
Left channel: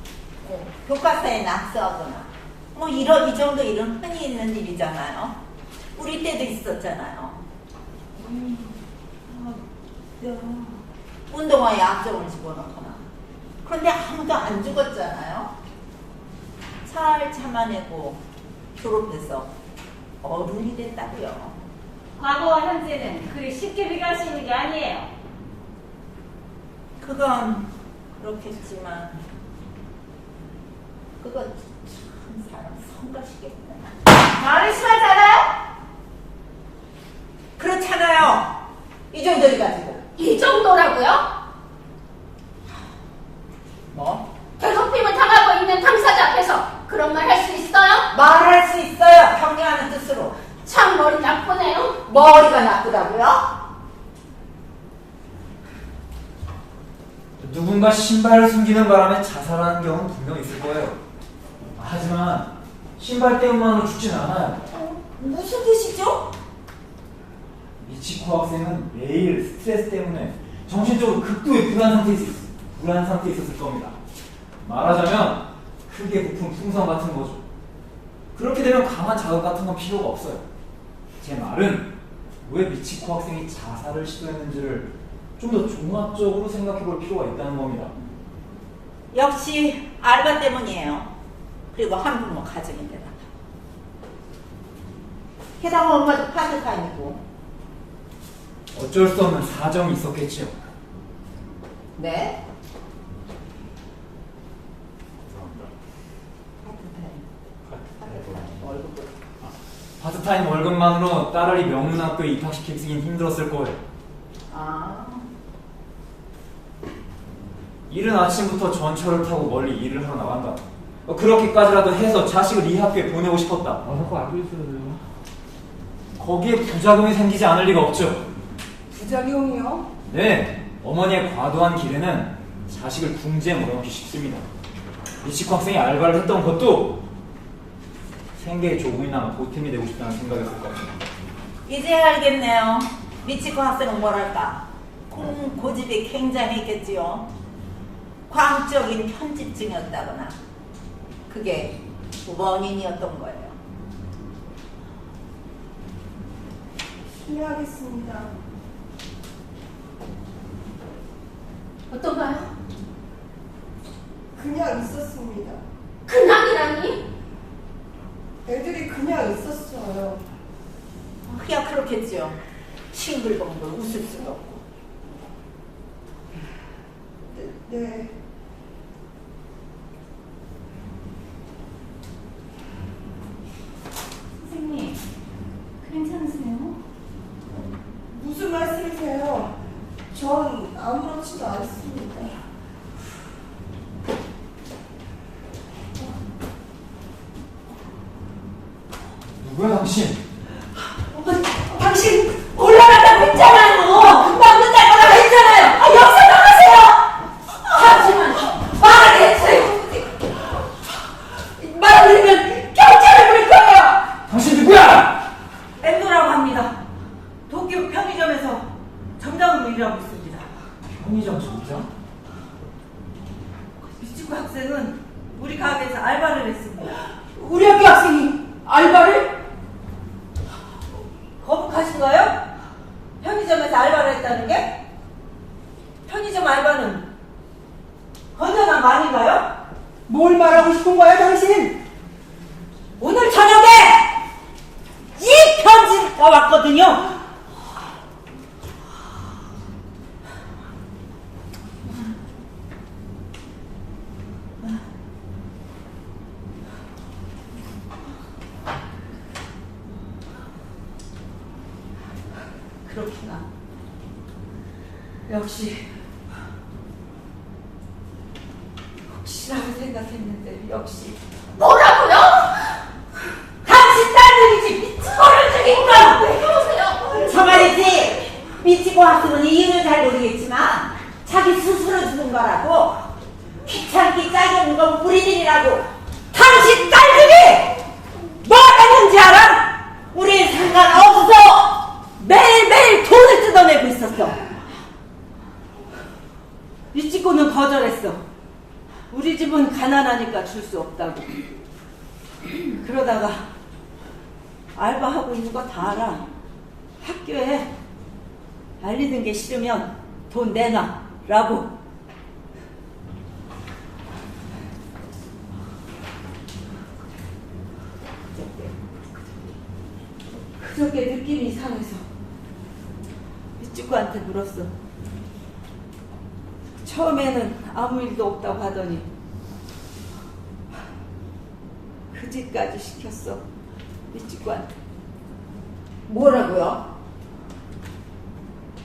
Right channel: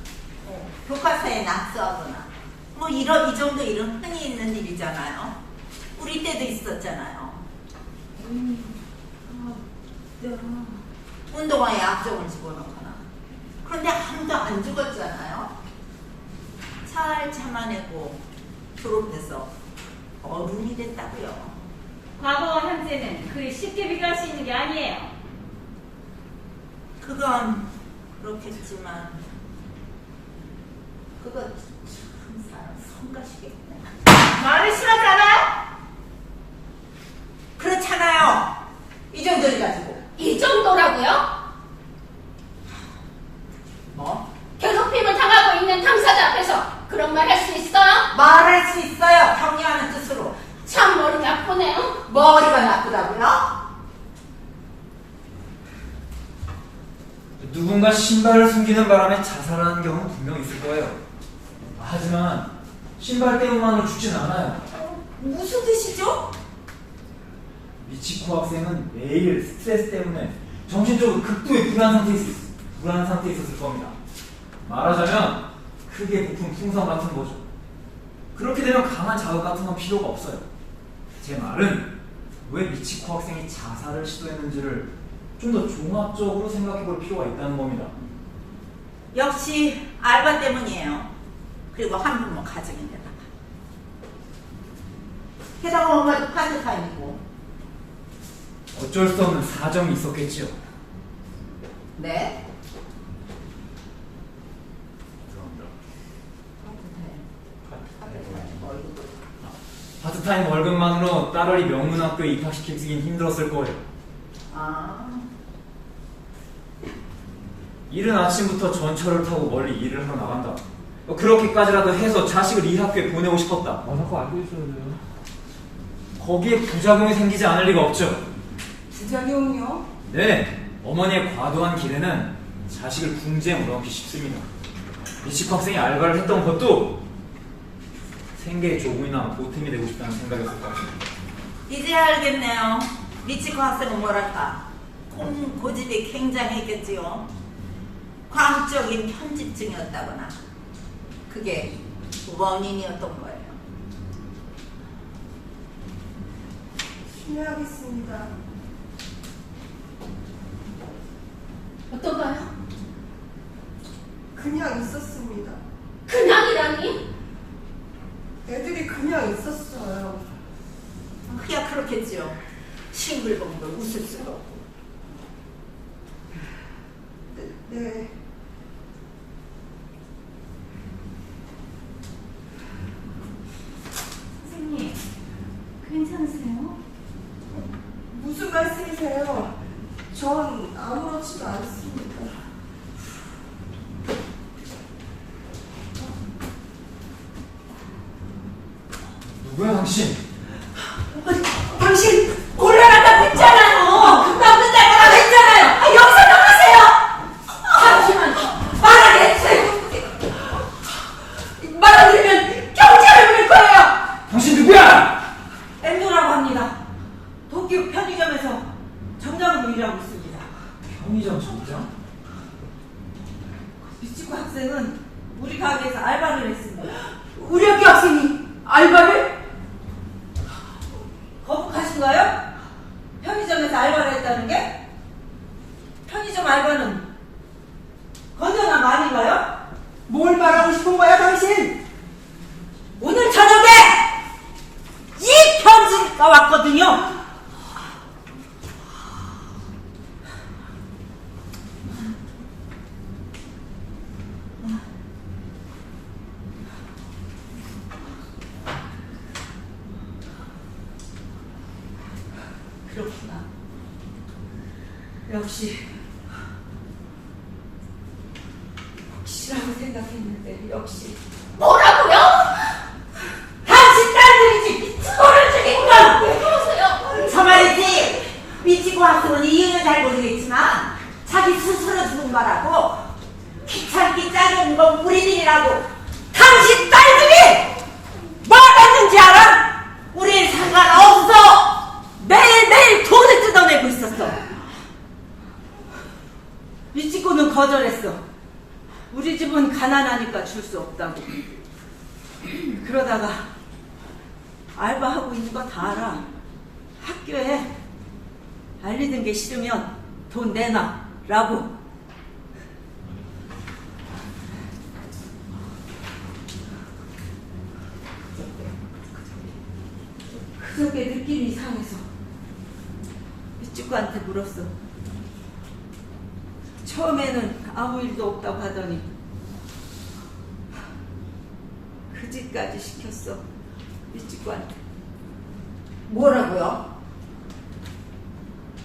교과서에 낙서하거나 뭐 이 정도 일은 흔히 있는 일이잖아요. 우리 때도 있었잖아요. 운동화에 악정을 집어넣거나. 그런데 아무도 안 죽었잖아요. 잘 참아내고 졸업해서 어른이 됐다고요. 과거와 현재는 그리 쉽게 비교할 수 있는 게 아니에요. 그건 그렇겠지만 그거 참 사람 성가시겠네. 말이 심하잖아요? 그렇잖아요. 이 정도를 가지고 이 정도라고요? 뭐? 괴롭힘을 당하고 있는 당사자 앞에서 그런 말 할 수 있어요? 말할 수 있어요. 격려하는 뜻으로. 참 머리 나쁘네요. 머리가 나쁘다고요? 누군가 신발을 숨기는 바람에 자살하는 경우는 분명 있을 거예요. 하지만 신발 때문만으로 죽진 않아요. 무슨 뜻이죠? 미치코 학생은 매일 스트레스 때문에 정신적으로 극도의 불안 상태에 있었을 겁니다. 말하자면 크게 부푼 풍선 같은 거죠. 그렇게 되면 강한 자극 같은 건 필요가 없어요. 제 말은 왜 미치코 학생이 자살을 시도했는지를 좀 더 종합적으로 생각해 볼 필요가 있다는 겁니다. 역시 알바 때문이에요. 그리고 한부모 가정인데다가. 게다가 엄마도 파트타임이고. 어쩔 수 없는 사정이 있었겠지요. 네? 파트타임 월급만으로 딸아이 명문학교에 입학시키긴 힘들었을 거예요. 아, 이른 아침부터 전철을 타고 멀리 일을 하러 나간다. 그렇게까지라도 해서 자식을 이 학교에 보내고 싶었다. 아, 자꾸 알고 있어요. 거기에 부작용이 생기지 않을 리가 없죠. 부작용이요? 네, 어머니의 과도한 기대는 자식을 궁지에 몰아넣기 쉽습니다. 미치코 학생이 알바를 했던 것도 생계에 조금이나마 보탬이 되고 싶다는 생각이었을 것 같습니다. 이제야 알겠네요. 미치코 학생은 뭐랄까. 고집이 굉장했겠지요. 광적인 편집증이었다거나. 그게 원인이었던 거예요. 실례하겠습니다. 어떤가요? 그냥 있었습니다. 그냥이라니? 애들이 그냥 있었어요. 그야 그렇겠죠. 싱글벙글 웃을 수도 없고. 네. 선생님, 괜찮으세요? 무슨 말씀이세요? 전 아무렇지도 않습니다. 누구야 당신? 당신 올라간다고 했잖아요. 금방 끝날 거라고 했잖아요. 아, 여기서 나가세요. 잠시만 말하겠어요. 말 안 들으면 경찰을 부를 거예요. 당신 누구야? 엠도라고 합니다. 도쿄 편의점에서 점장으로 일하고 있습니다. 편의점 점장? 미치코 학생은 우리 가게에서 알바를 했습니다. 우리 학교 학생이 알바를? 거북하신가요? 편의점에서 알바를 했다는 게? 편의점 알바는 건전한 거 아닌가요? 뭘 말하고 싶은 거야, 당신? 오늘 저녁에 이 편지가 왔거든요. 그렇구나. 역시라고 생각했는데 역시 뭐라고요? 당신 딸들이지 미치고를 죽인가? 왜 그러세요? 참아야지. 미치코 학생은 이유는 잘 모르겠지만 자기 스스로 죽은 거라고. 귀찮기 짝이 없는 건 우리들이라고. 당신 딸들이 뭐 했는지 알아? 우린 상관없어. 매일매일 돈을 뜯어내고 있었어. 미치코는 거절했어. 우리 집은 가난하니까 줄 수 없다고. 그러다가 알바하고 있는 거 다 알아. 학교에 알리는 게 싫으면 돈 내놔 라고. 그저께 느낌이 이상해서 미치코한테 물었어. 처음에는 아무 일도 없다고 하더니 그 짓까지 시켰어. 미치코한테. 뭐라고요?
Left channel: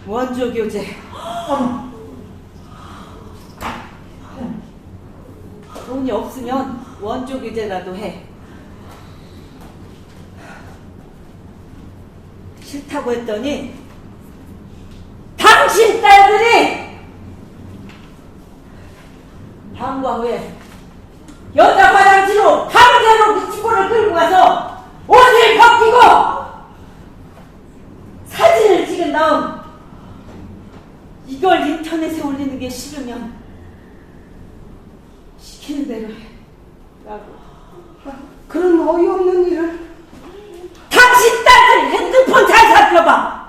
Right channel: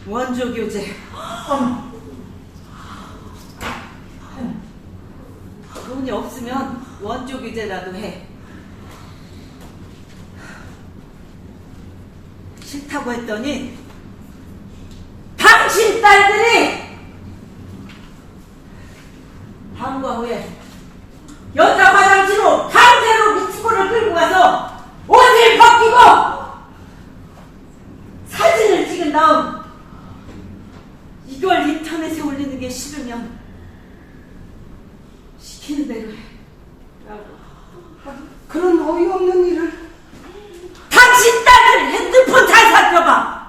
원조 교재. 돈이 없으면 원조 교재라도 해. 싫다고 했더니 당신 딸들이 방과 후에 여자 화장실로 강제로 미치코를 끌고 가서 옷을 벗기고 사진을 찍은 다음 이걸 인터넷에 올리는 게 싫으면 시키는 대로 해 라고. 그런 어이없는 일을. 당신 딸들 핸드폰 살펴봐.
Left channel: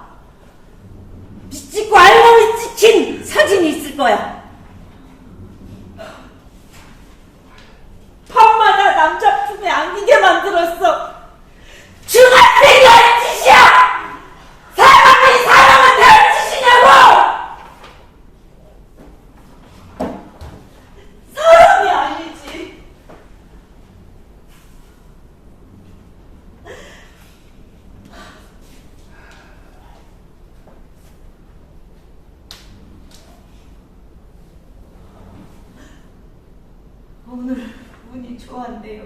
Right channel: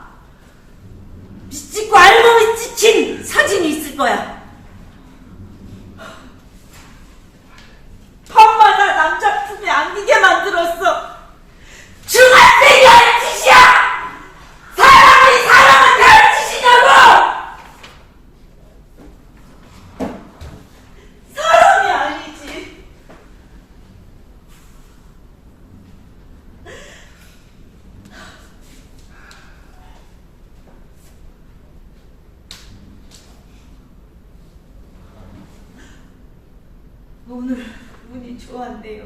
미치고 알몸이 찍힌 사진이 있을 거야. 밤마다 남자 품에 안기게 만들었어. 중학생이 할 짓이야! 사람이 사람한테 할 짓이냐고! 사람이 아니지. 오늘 운이 좋았네요.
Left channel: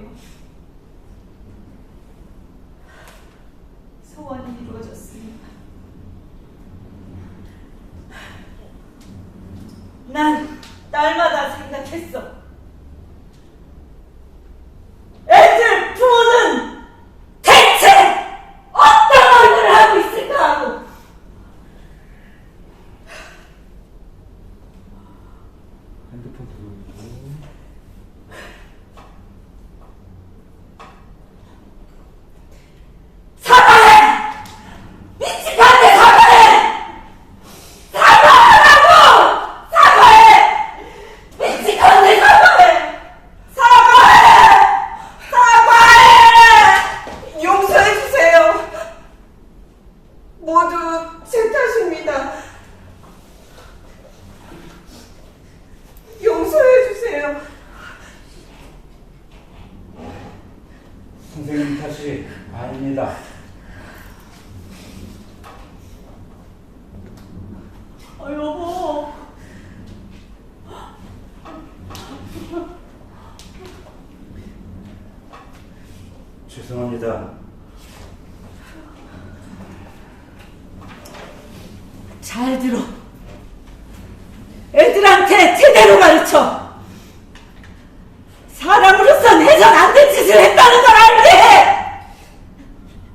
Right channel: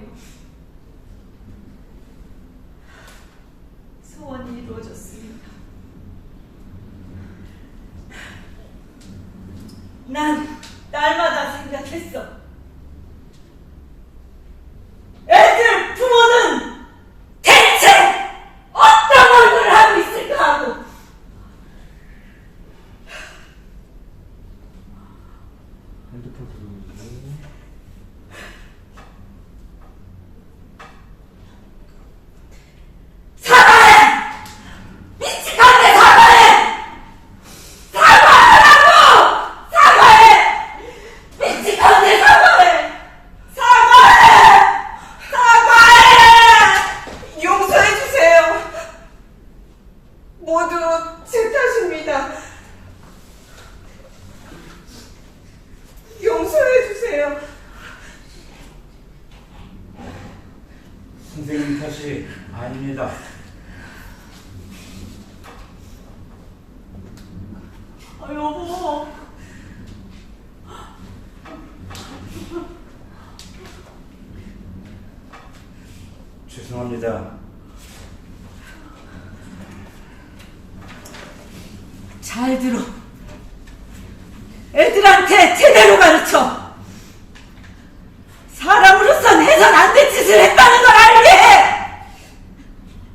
소원이 이루어졌습니다. 난 날마다 생각했어. 애들 부모는 대체 어떤 얼굴을 하고 있을까 하고. 핸드폰 들어오고. 사과해! 미치겠네, 사과해! 사과하라고! 사과해! 미치겠네, 사과해! 사과해! 사과해! 용서해주세요. 모두 제 탓입니다. 용서해주세요. 선생님 탓이 아닙니다. 여보. 죄송합니다. 잘 들어. 애들한테 제대로 가르쳐. 사람으로선 해선 안 될 짓을 했다는 걸 알게 해.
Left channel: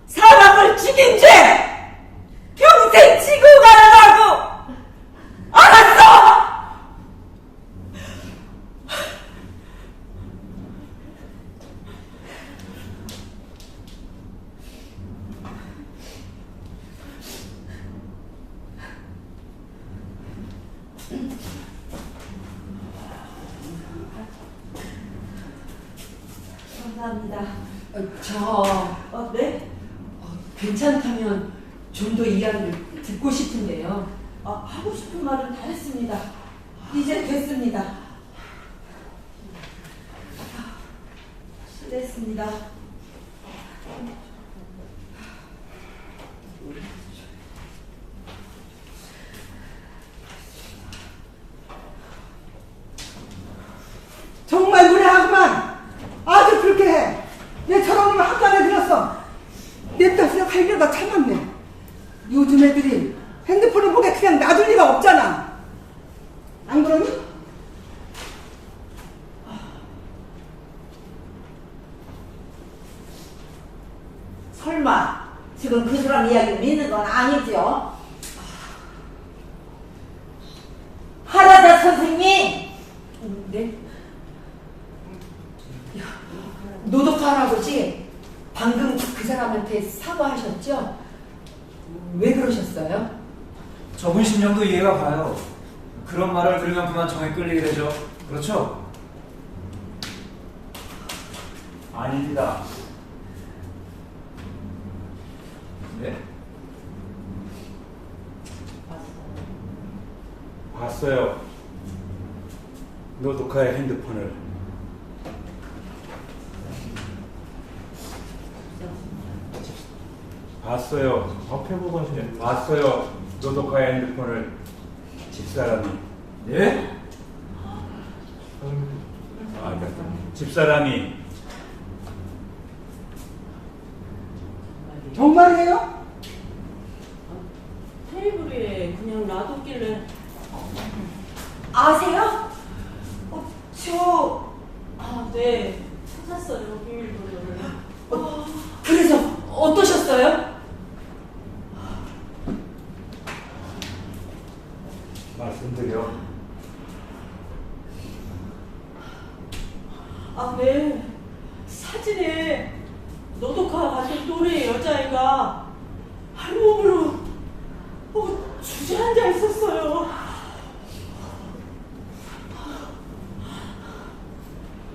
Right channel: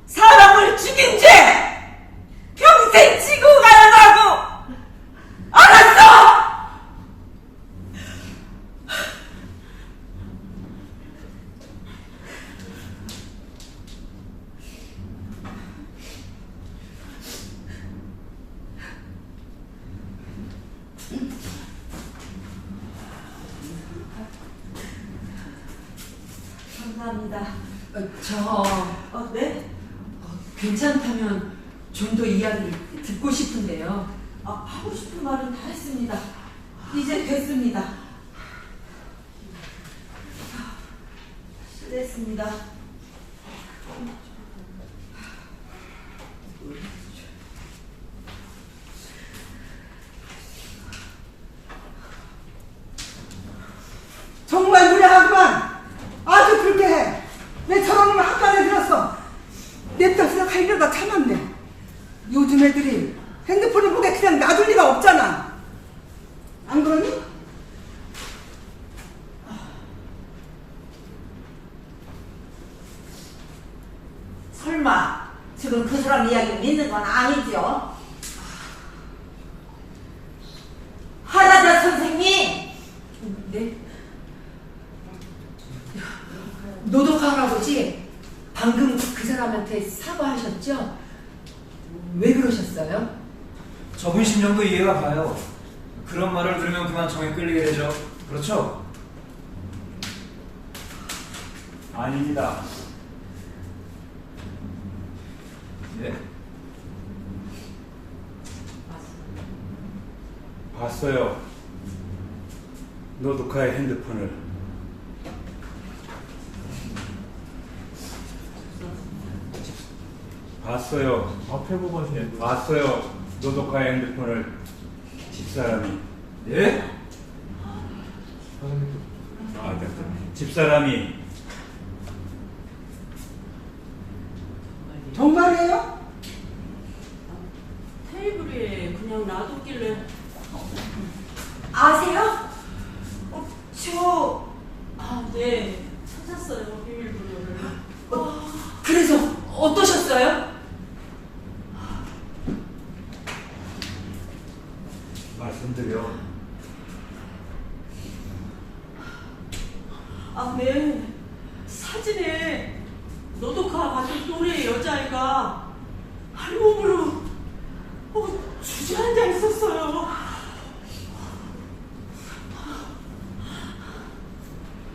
사람을 죽인 죄 평생 지고 가라고. 알았어? 감사합니다. 네? 괜찮다면 좀 더 이야기를 듣고 싶은데요. 하고 싶은 말은 다 했습니다. 이제 됐습니다. 실례했습니다. 정말 무례하구만. 아주 그렇게 해. 내 저놈을 학관에 들였어. 내 탓으로 하려다 참았네. 요즘 애들이 핸드폰을 보게 그냥 놔둘 리가 없잖아. 안 그러니? 설마 지금 그 사람 이야기를 믿는 건 아니지요? 하라자 선생님! 네? 노덕화 할아버지, 방금 그 사람한테 사과하셨죠? 왜 그러셨어요? 저분 심정도 이해가 가요. 그런 말을 들으면 그만 정에 끌리게 되죠. 그렇죠? 아닙니다. 네. 봤어요. 노독화의 핸드폰을. 봤어요. 앞에 보고 하시네. 봤어요. 노독화의 핸드폰을 집사람이. 네? 집사람이. 정말이에요? 테이블 위에 그냥 놔뒀길래. 아세요? 네, 찾았어요, 비밀번호를. 그래서 어떠셨어요? 말씀드려. 네. 사진에 노독화 같은 또래 여자애가 할몸으로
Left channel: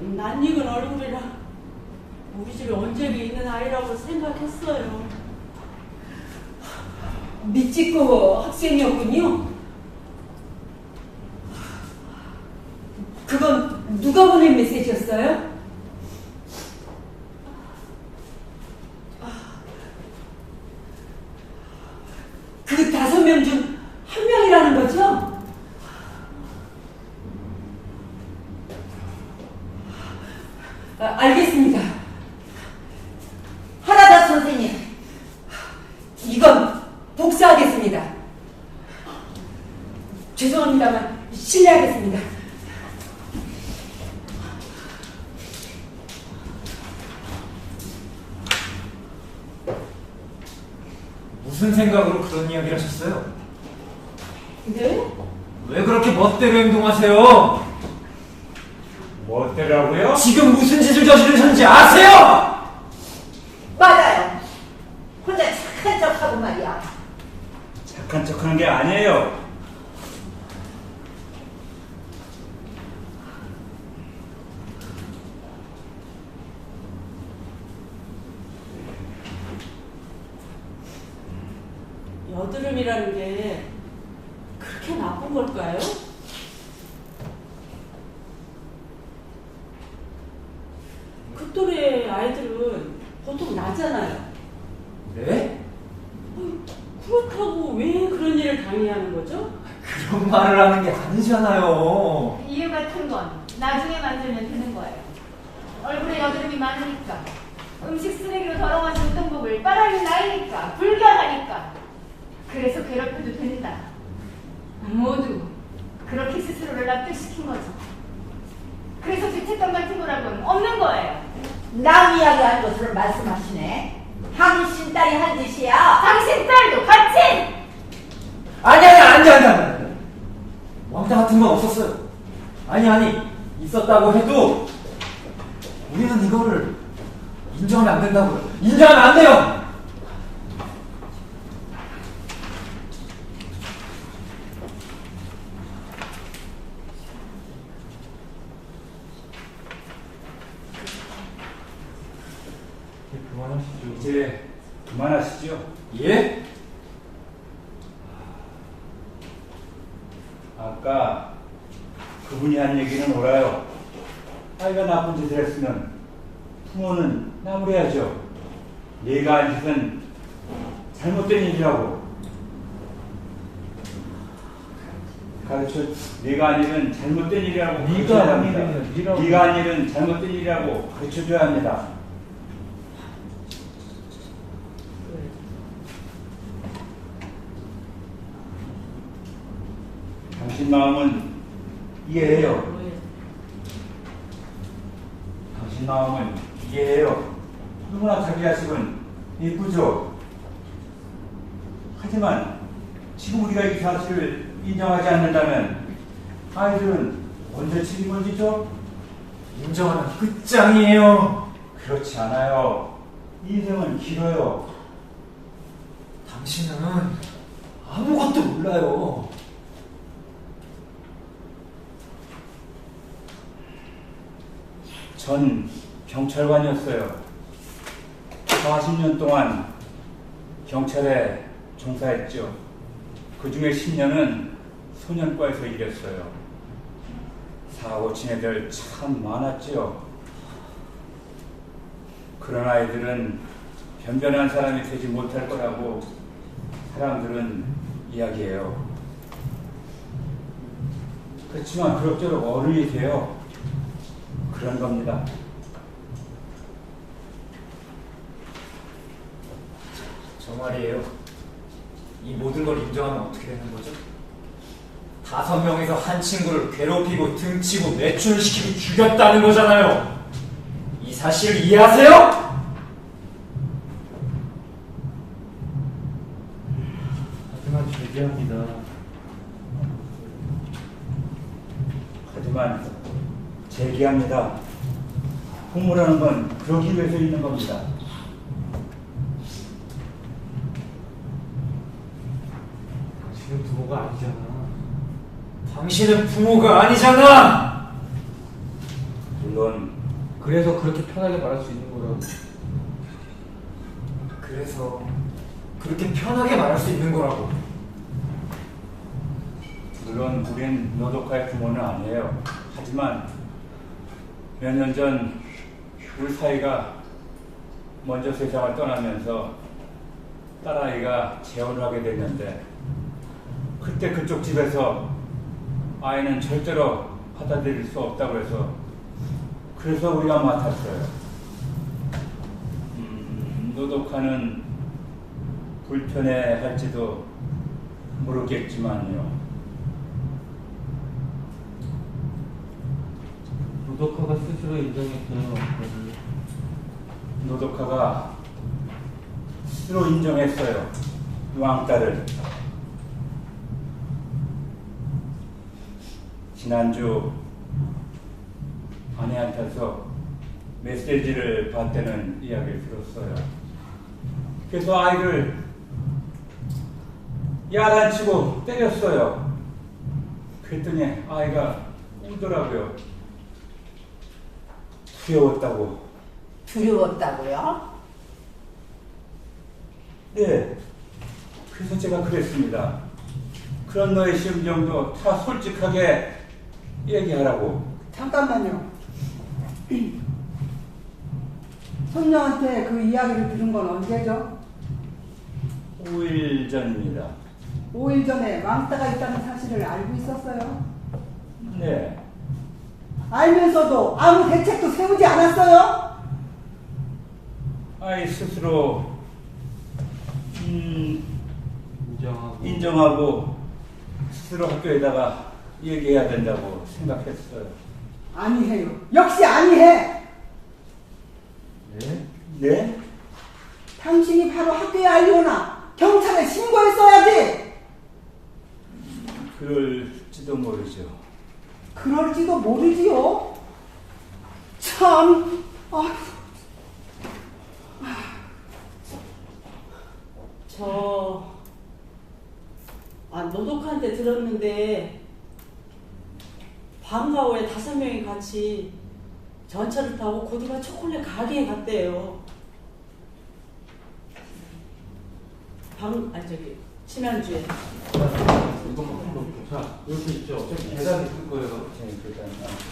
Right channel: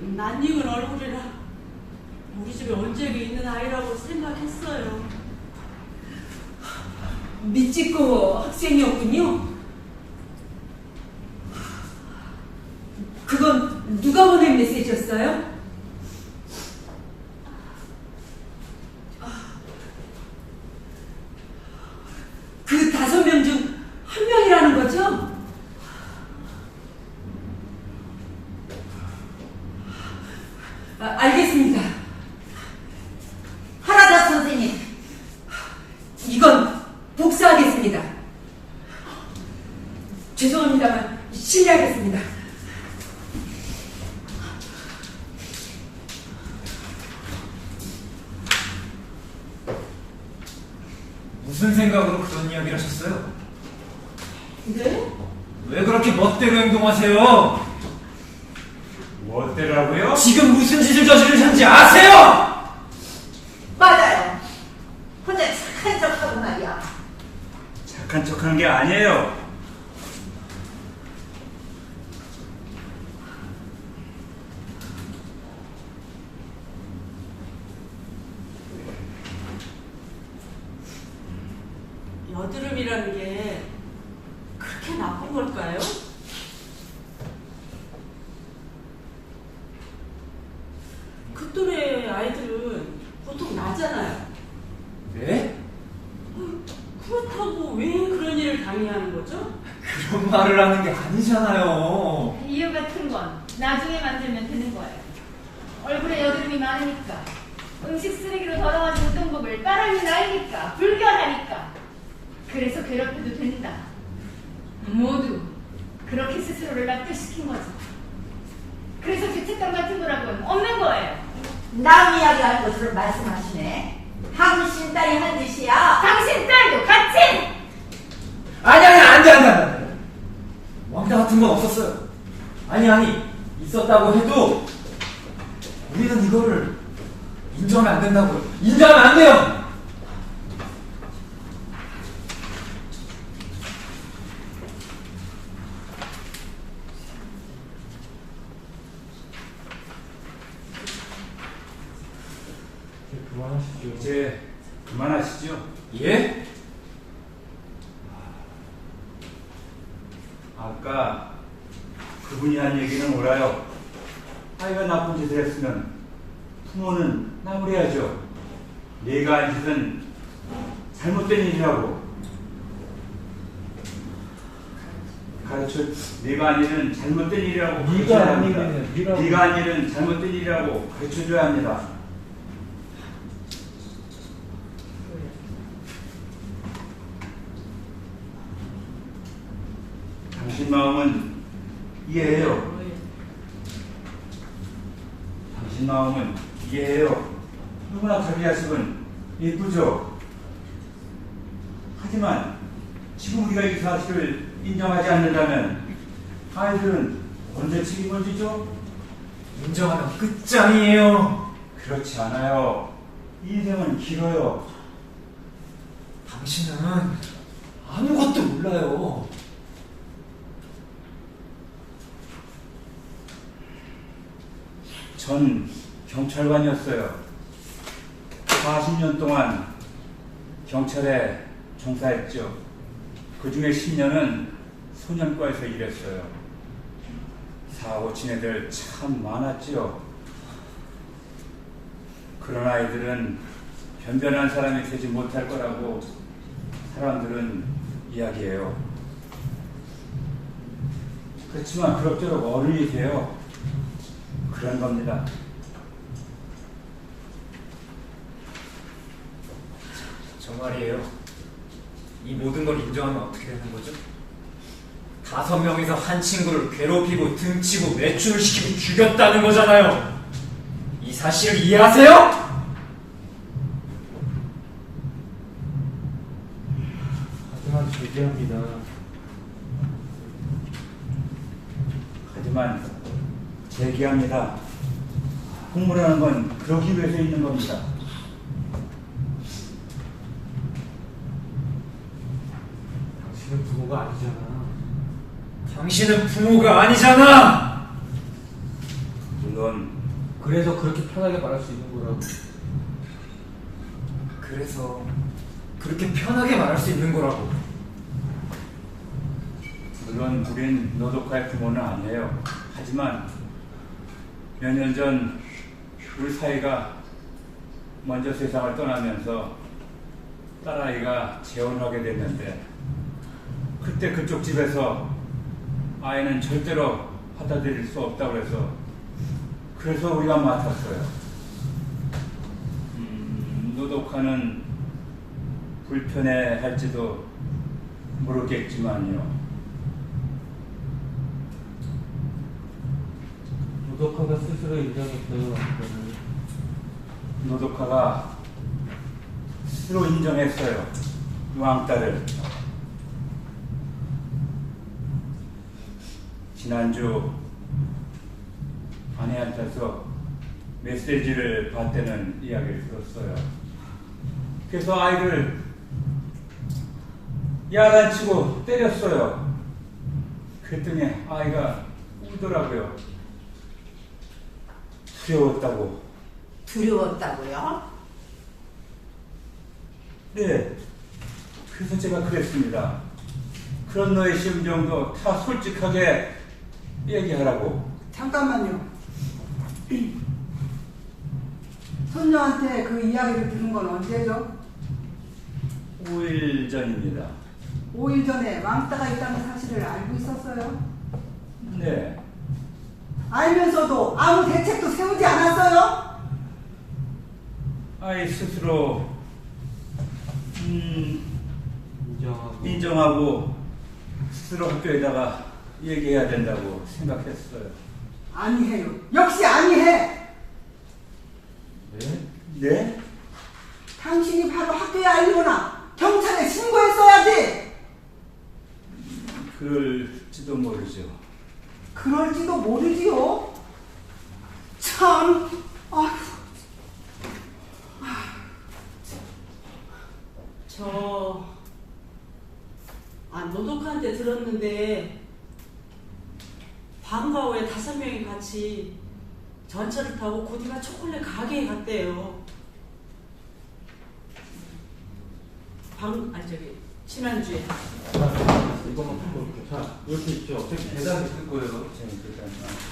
낯익은 얼굴이라 우리 집에 언제비 있는 아이라고 생각했어요. 밑집고 학생이었군요. 그건 누가 보낸 메시지였어요? 그 5명 중 한 명이라는 거죠? 알겠습니다. 하라다 선생님. 이건 복사하겠습니다. 죄송합니다만 실례하겠습니다. 무슨 생각으로 그런 이야기를 하셨어요? 네? 왜 그렇게 멋대로 행동하세요? 멋대로라고요? 지금 무슨 짓을 저지르셨는지 아세요? 맞아요. 혼자 착한 척하고 말이야. 착한 척하는 게 아니에요. 여드름이라는 게 그렇게 나쁜 걸까요? 그 또래 아이들은 보통 나잖아요. 네? 그렇다고 왜 그런 일을 당해야 하는 거죠? 그런 말을 하는 게 아니잖아요. 이유 같은 건 나중에 만들면 되는 거예요. 얼굴에 여드름이 많으니까, 음식 쓰레기로 덜어맞은 우동국을 빨아는 나이니까, 불결하니까. 그래서 괴롭혀도 된다. 모두 그렇게 스스로를 납득시킨 거죠. 그래서 죄책감 같은 거라고는 없는 거예요. 남 이야기하는 것으로 말씀하시네. 당신 딸이 한 짓이야. 당신 딸도 같이! 아니, 안 돼. 왕따 같은 건 없었어요. 아니, 있었다고 해도 우리는 이거를 인정하면 안 된다고요. 인정하면 안 돼요. 그만하시죠. 이제 그만하시죠. 예? 아까 그분이 한 얘기는 옳아요. 아이가 나쁜 짓을 했으면 부모는 나무래야죠. 얘가 한 짓은 잘못된 일이라고 네가 한 일은 잘못된 일이라고 가르쳐줘야 합니다. 네가 한 일은 잘못된 일이라고 가르쳐줘야 합니다. 당신 마음은 이해해요. 당신 마음은 이해해요. 누구나 자기 자식은 예쁘죠. 하지만 지금 우리가 이 사실을 인정하지 않는다면 아이들은 언제 책임을 인정하면 끝장이에요. 그렇지 않아요. 인생은 길어요. 당신은 아무것도 몰라요. 전 경찰관이었어요. 40년 동안 경찰에 종사했죠. 그 중에 10년은 소년과에서 일했어요. 사고 친 애들 참 많았죠. 그런 아이들은 변변한 사람이 되지 못할 거라고 사람들은 이야기해요. 그렇지만 그럭저럭 어른이 돼요. 그런 겁니다. 저 말이에요. 이 모든 걸 인정하면 어떻게 되는 거죠? 5명에서 한 친구를 괴롭히고 등치고 매춘시키고 죽였다는 거잖아요. 이 사실을 이해하세요? 하지만 제기합니다. 하지만 제기합니다. 공부라는 건 그러기 위해서 있는 겁니다. 당신은 부모가 아니잖아. 당신은 부모가 아니잖아. 물론 그래서 그렇게 편하게 말할 수 있는 거라고. 그래서 그렇게 편하게 말할 수 있는 거라고. 물론 우린 노독화의 부모는 아니에요. 하지만 몇 년 전 우리 사이가 먼저 세상을 떠나면서 딸아이가 재혼을 하게 됐는데 그때 그쪽 집에서 아이는 절대로 받아들일 수 없다고 해서 그래서 우리가 맡았어요. 노독화는 불편해할지도 모르겠지만요. 노독화가 스스로 인정했어요. 노독화가 스스로 인정했어요. 왕딸을. 지난주 아내한테서 메시지를 받다는 이야기를 들었어요. 그래서 아이를 야단치고 때렸어요. 그랬더니 아이가 울더라고요. 두려웠다고. 두려웠다고요? 네. 그래서 제가 그랬습니다. 그런 너의 심정도 다 솔직하게 얘기하라고. 잠깐만요. 손녀한테 그 이야기를 들은 건 언제죠? 5일 전입니다. 5일 전에 왕따가 있다는 사실을 알고 있었어요? 네. 알면서도 아무 대책도 세우지 않았어요? 아이 스스로 인정하고 스스로 학교에다가 얘기해야 된다고 생각했어요. 아니해요. 역시 아니해. 네? 네? 당신이 바로 학교에 알리거나 경찰에 신고했어야지. 그럴지도 모르죠. 그럴지도 모르지요. 참. 아휴. 노독한테 들었는데 방과 후에 5명이 같이 전철을 타고 고디바 초콜릿 가게에 갔대요. 지난주에. 이거 한번 볼게요. 자, 이렇게 있죠. 어차피 계단 있을 거예요.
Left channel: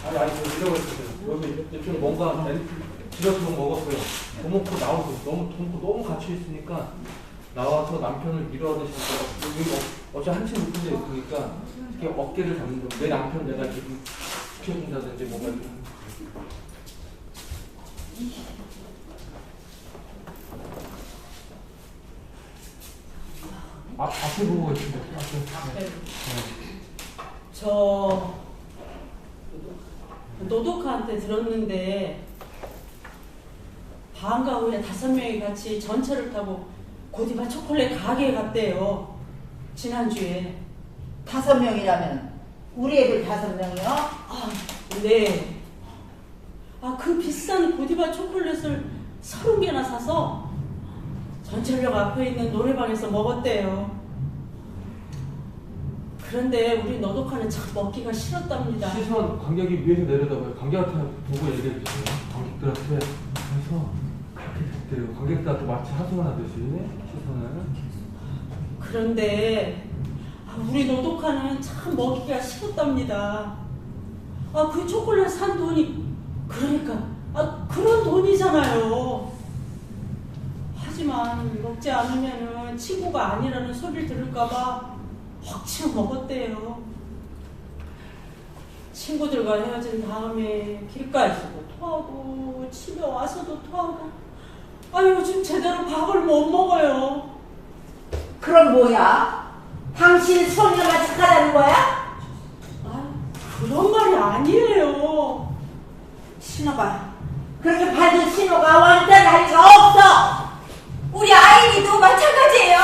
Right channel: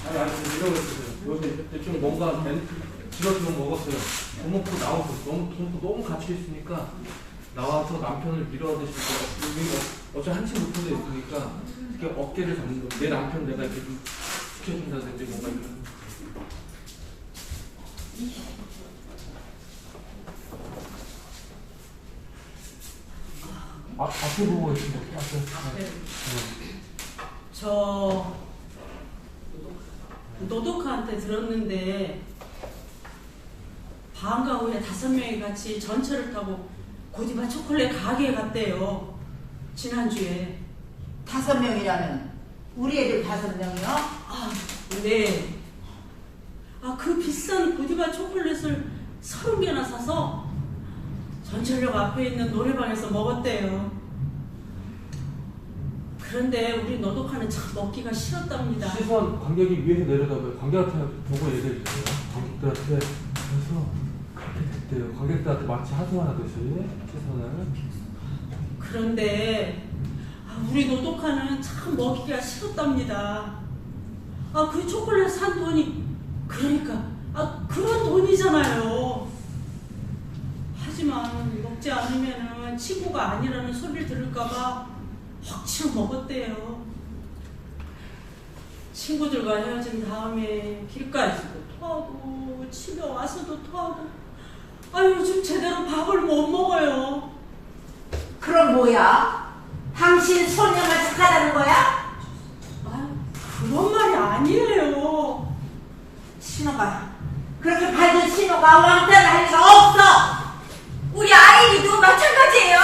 아니, 이러고 있어요. 여기 좀 뭔가 지라시만 먹었어요. 돈 먹고 나오고 너무 갇혀 있으니까 나와서 남편을 밀어내실 거. 여기 어차피 한층 높은 데 있으니까 이렇게 어깨를 잡는 거. 내 남편 내가 이렇게 좀 지켜준다든지 뭔가 좀. 앞에 보고 있습니다. 앞에. 노독한테 들었는데 방과 후에 5명이 같이 전철을 타고 고디바 초콜릿 가게에 갔대요. 지난주에. 5명이라면 우리 애들 5명이요? 네. 그 비싼 고디바 초콜릿을 30개나 사서 전철역 앞에 있는 노래방에서 먹었대요. 그런데 우리 노독하는 참 먹기가 싫었답니다. 시선 관객이 위에서 내려다봐요. 관객한테 보고 얘기해 주세요. 관객들한테. 그래서 그렇게 됐대요. 관객들한테 마치 하소연하듯이 시선을. 그런데 우리 노독하는 참 먹기가 싫었답니다. 그 초콜릿 산 돈이 그러니까 그런 돈이잖아요. 하지만 먹지 않으면은 친구가 아니라는 소리를 들을까봐 억지로 먹었대요. 친구들과 헤어진 다음에 길가에서도 토하고 집에 와서도 토하고 요즘 제대로 밥을 못 먹어요. 그럼 뭐야? 당신 손녀가 착하다는 거야? 그런 말이 아니에요. 신호가 그렇게 받은 신호가 왕따를 할 리가 없어. 우리 아이도 마찬가지예요.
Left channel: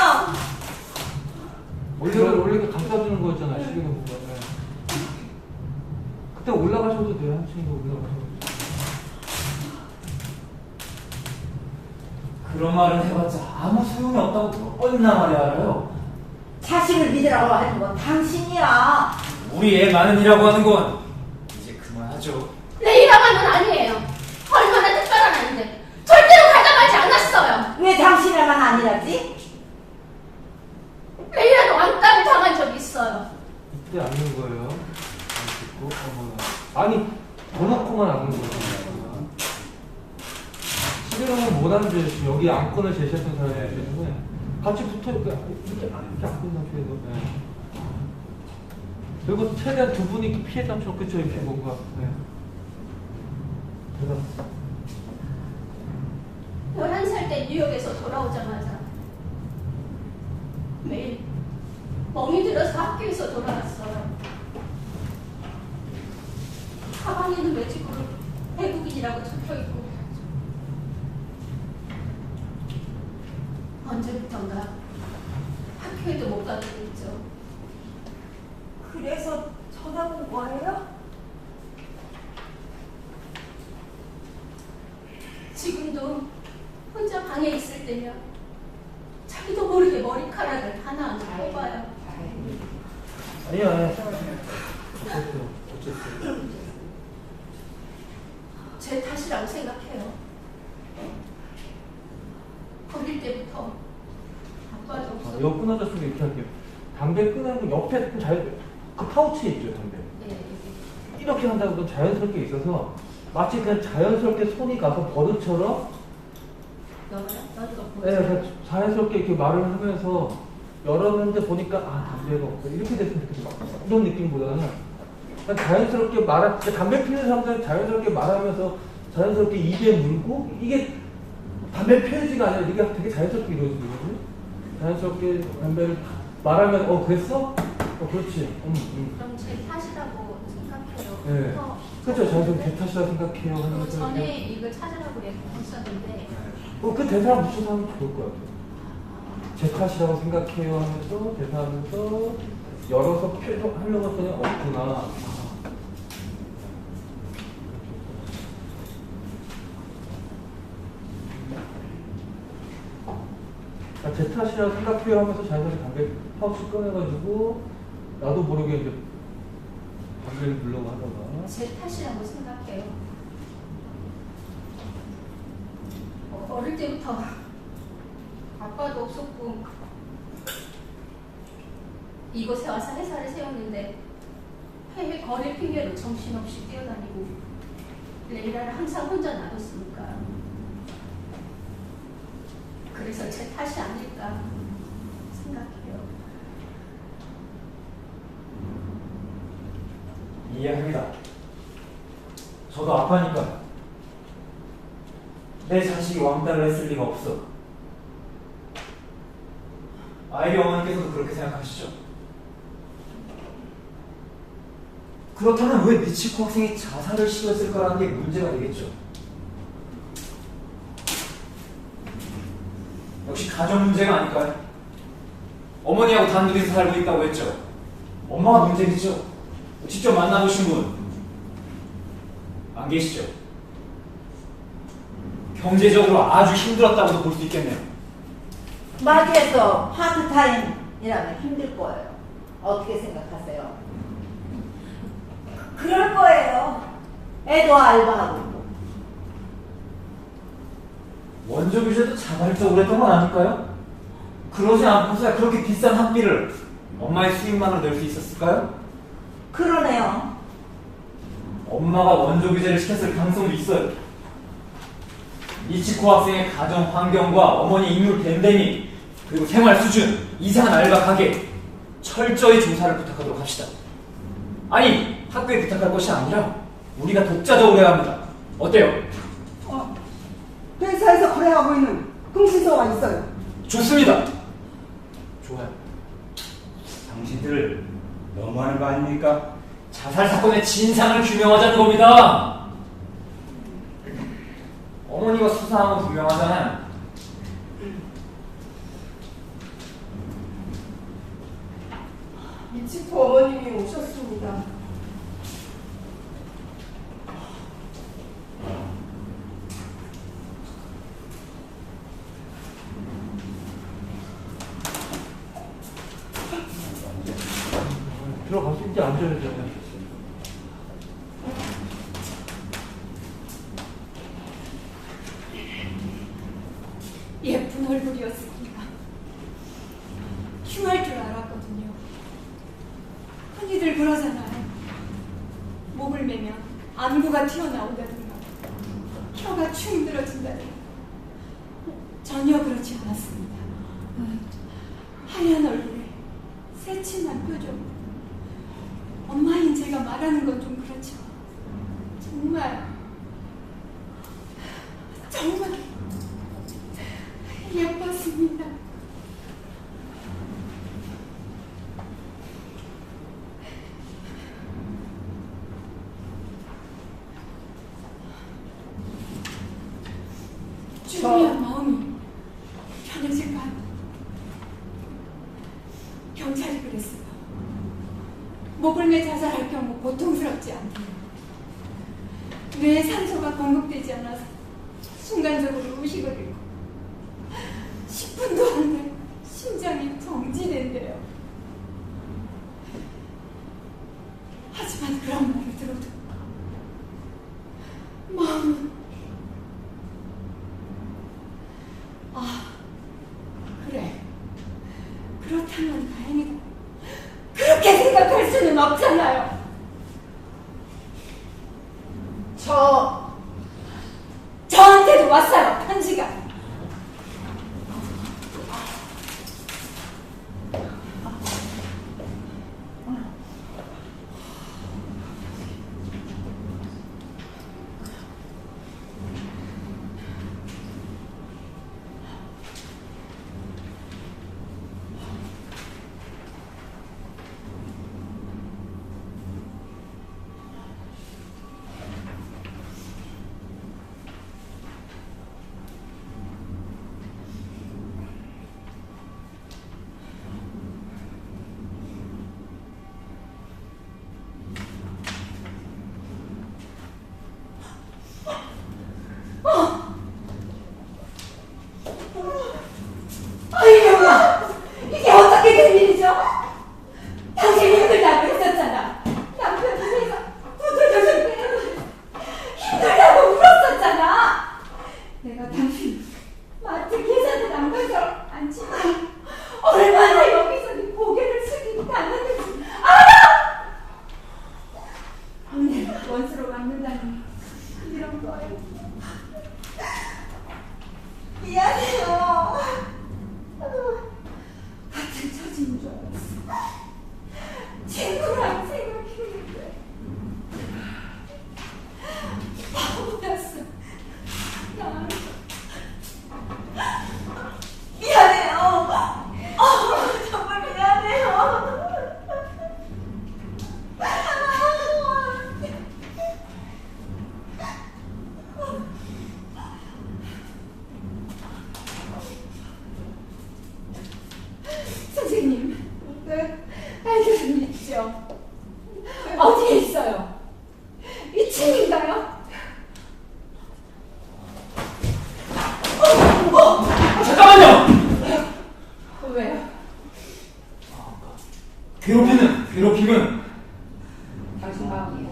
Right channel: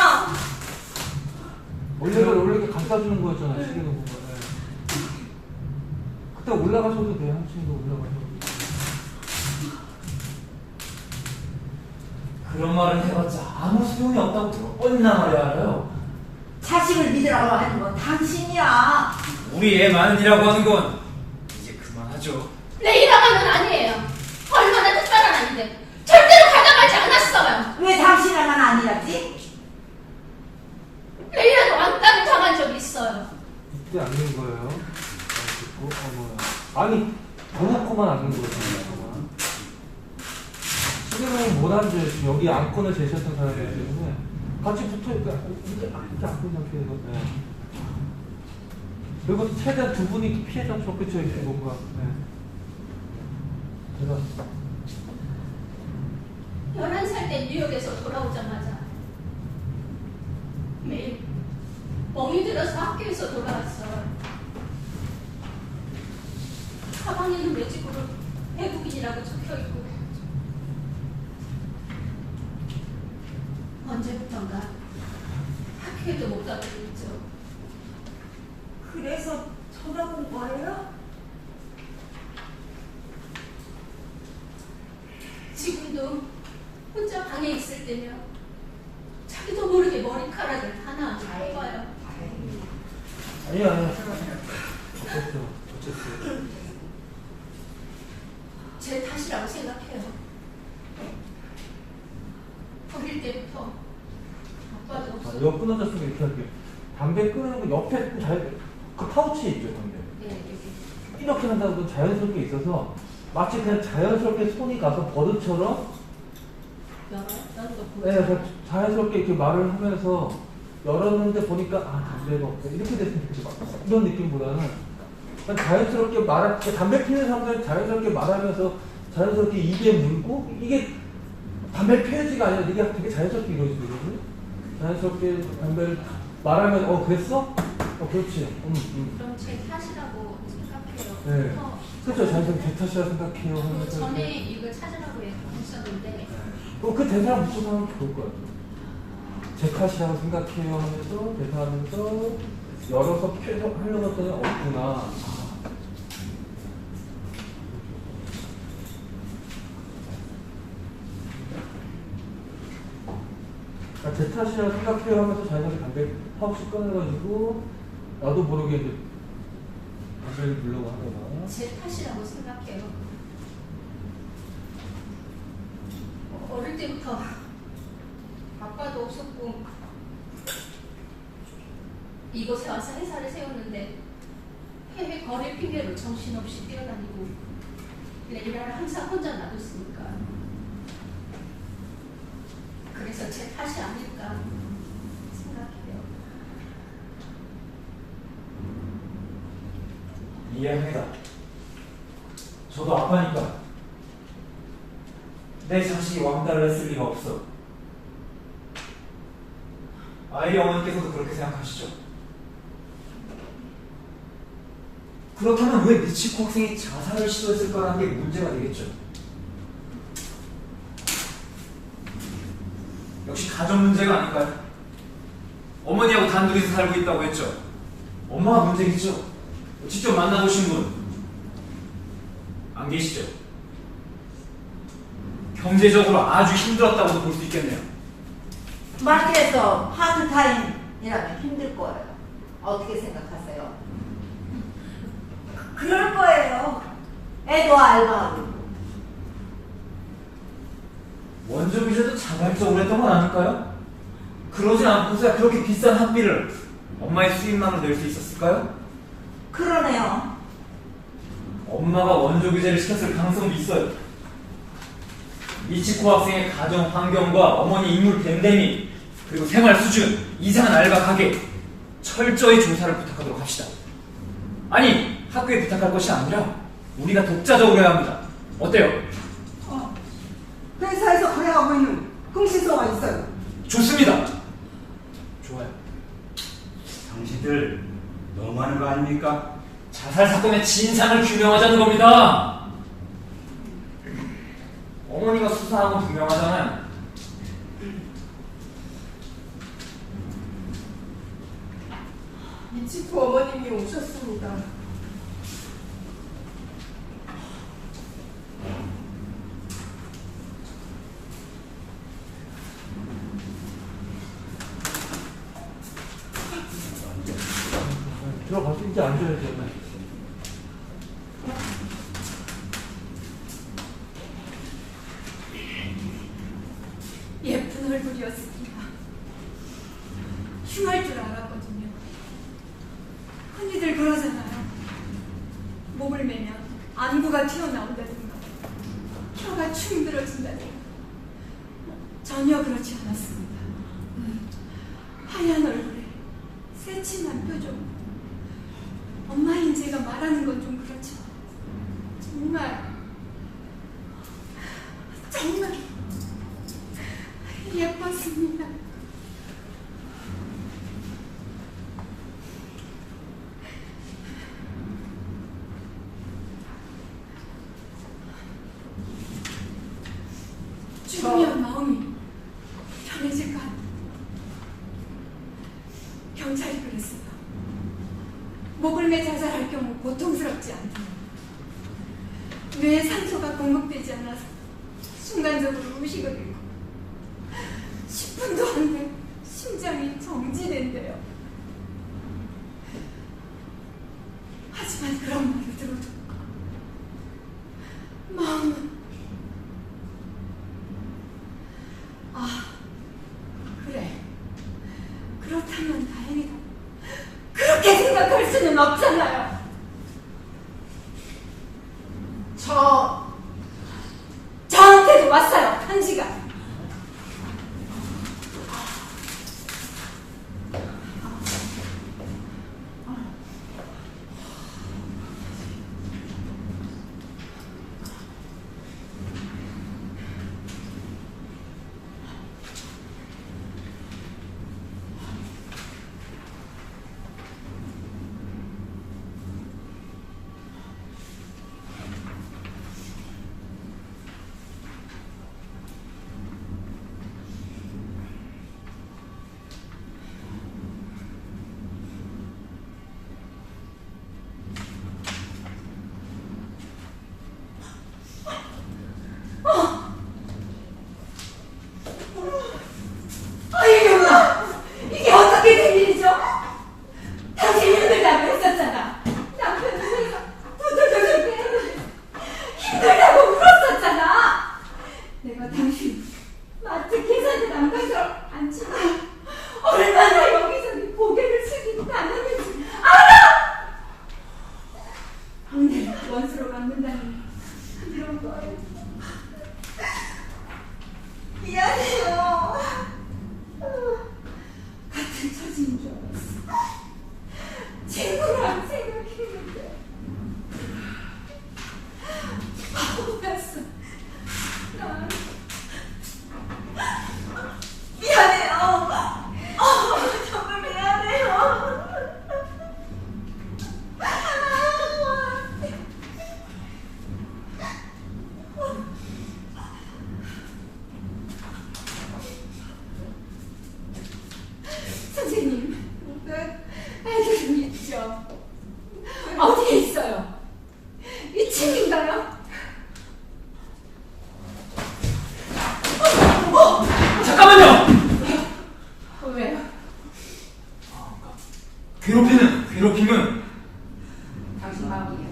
원래 갖다 주는 거잖아. 시계는. 그때 올라가셔도 돼요. 한층도 올라가셔도. 그런 말은 해봤자 아무 소용이 없다고 얼마나 말이야 알아요. 자식을 믿으라고 하는 건 당신이야. 우리 애 마는이라고 하는 건 이제 그만하죠. 내 이름은 특별한은 아니에요. 얼마나 특별한 아닌데 절대로 가담하지 않았어요. 왜 당신에만 아니라지? 레이라도 왕따를 당한 적이 있어요. 이게 아닌 거예요. 아니, 대놓고만 아닌 거거든요. 시계는 뭐라는지 여기 안건을 제시했던 사람이기 때문에 같이 붙어 이렇게 안건만 피해서. 그리고 최대한 두 분이 피해자 좋겠죠, 이렇게 뭔가. 대박. 11살 때 뉴욕에서 돌아오자마자 매일 멍이 들어서 학교에서 돌아왔어요. 가방에는 매직으로 외국인이라고 적혀있고 언제부턴가 학교에도 못 가게 됐죠. 그래서 전학 온 거예요? 지금도 혼자 방에 있을 때면 자기도 모르게 머리카락을 하나하나 뽑아요. 아니야. 어쨌어요. 제 탓이라고 생각해요. 어릴 때부터 아빠도 없었고. 이거 끊어졌으면 이렇게 할게요. 담배 끊는 거 옆에 그 파우치에 있죠, 담배. 네, 여기. 이렇게 한다는 건 자연스럽게 있어서 마치 그냥 자연스럽게 손이 가서 버릇처럼 자연스럽게 이렇게 말을 하면서 열었는데 보니까 담배가 없어 이렇게 됐으면 좋겠어. 이런 느낌보다는 그냥 자연스럽게 담배 피우는 사람들은 자연스럽게 말하면서 자연스럽게 입에 물고 이게 담배 피우지가 아니라 이게 되게 자연스럽게 이루어지거든요. 자연스럽게 담배를 말하면 됐어? 그렇지. 그럼 제 탓이라고 생각해요. 네. 그렇죠. 자연스럽게 제 탓이라 생각해요. 그 전에 이걸 찾으라고 했었는데 그 대사 붙여서 하면 좋을 것 같아요. 제 탓이라고 생각해요 하면서 대사하면서 열어서 하는 것들은 없구나. 제 탓이라고 생각해요 하면서 자연스럽게 담배 파우치 꺼내가지고 나도 모르게 이제 담배를 물려고 하다가 제 탓이라고 생각해요. 어릴 때부터 아빠도 없었고 이곳에 와서 회사를 세웠는데 해외 거래 핑계로 정신없이 뛰어다니고 레이라를 항상 혼자 놔뒀으니까 그래서 제 탓이 아닐까 생각해요. 이해합니다. 저도 아빠니까 내 자식이 왕따를 했을 리가 없어. 아이리 어머니께서도 그렇게 생각하시죠? 그렇다면 왜 미치코 학생이 자살을 시도했을까라는 게 문제가 되겠죠. 역시 가정 문제가 아닐까요? 어머니하고 단둘이서 살고 있다고 했죠. 엄마가 문제겠죠. 직접 만나보신 분 안 계시죠? 경제적으로 아주 힘들었다고도 볼 수 있겠네요. 마트에서 파트타임이라면 힘들 거예요. 어떻게 생각하세요? 그럴 거예요. 애도 알바하고 있고. 원조 규제도 자발적으로 했던 건 아닐까요? 그러지 않고서야 그렇게 비싼 학비를 엄마의 수입만으로 낼 수 있었을까요? 그러네요. 엄마가 원조 규제를 시켰을 가능성도 있어요. 이치코 학생의 가정 환경과 어머니 인물 밴데믹 그리고 생활 수준, 이상한 알바 가게 철저히 조사를 부탁하도록 합시다. 아니 학교에 부탁할 것이 아니라 우리가 독자적으로 해야 합니다. 어때요? 회사에서 거래하고 있는 흥신소가 있어요. 좋습니다. 좋아요. 당신들 너무하는 거 아닙니까? 자살 사건의 진상을 규명하자는 겁니다. 어머니가 수사한 건 분명하잖아요. 미치코 어머님이 오셨습니다. 들어가서 이제 앉아야죠. 예쁜 얼굴이었습니다. 흉할 줄 알았거든요. 흔히들 그러잖아요. 목을 매면 안구가 튀어나온다든가 혀가 축 늘어진다든가. 전혀 그렇지 않았습니다. 하얀 얼굴에 새침한 표정. 엄마인 제가 말하는 건 좀 그렇지만 정말 예뻤습니다. 죽으면 마음이 편해질까요? 경찰이 그랬어요. 목을 매 자살할 경우 고통스럽지 않대요. 뇌에 산소가 공급되지 않아서 순간적으로 의식을 잃고 10분도 안 돼 심장이 정지된대요. 하지만 그런 말을 들어도 마음은 그래, 그렇다면 다행이다. 그렇게 생각할 수는 없잖아요. 저한테도 왔어요, 편지가. 이게 어떻게 된 일이죠? 당신이 힘들다고 했었잖아. 남편 눈에서 두들겨줄 때 힘들다고 울었었잖아. 내가 당신 마트 계산대 남가서 앉히면 얼마나 여기서 네 고개를 숙이고 당하는지 알아? 내가 원수로 갚는다니 이런 거예요. 미안해요. 같은 처지인 줄 알았어. 친구랑 생각했는데 바보였어. 나 미안해요. 정말 미안해요. 선생님, 애들은 있죠. 어디에 있어요? 2층인가요? 잠깐만요! 왜요? 괴롭힘은 당신 마음이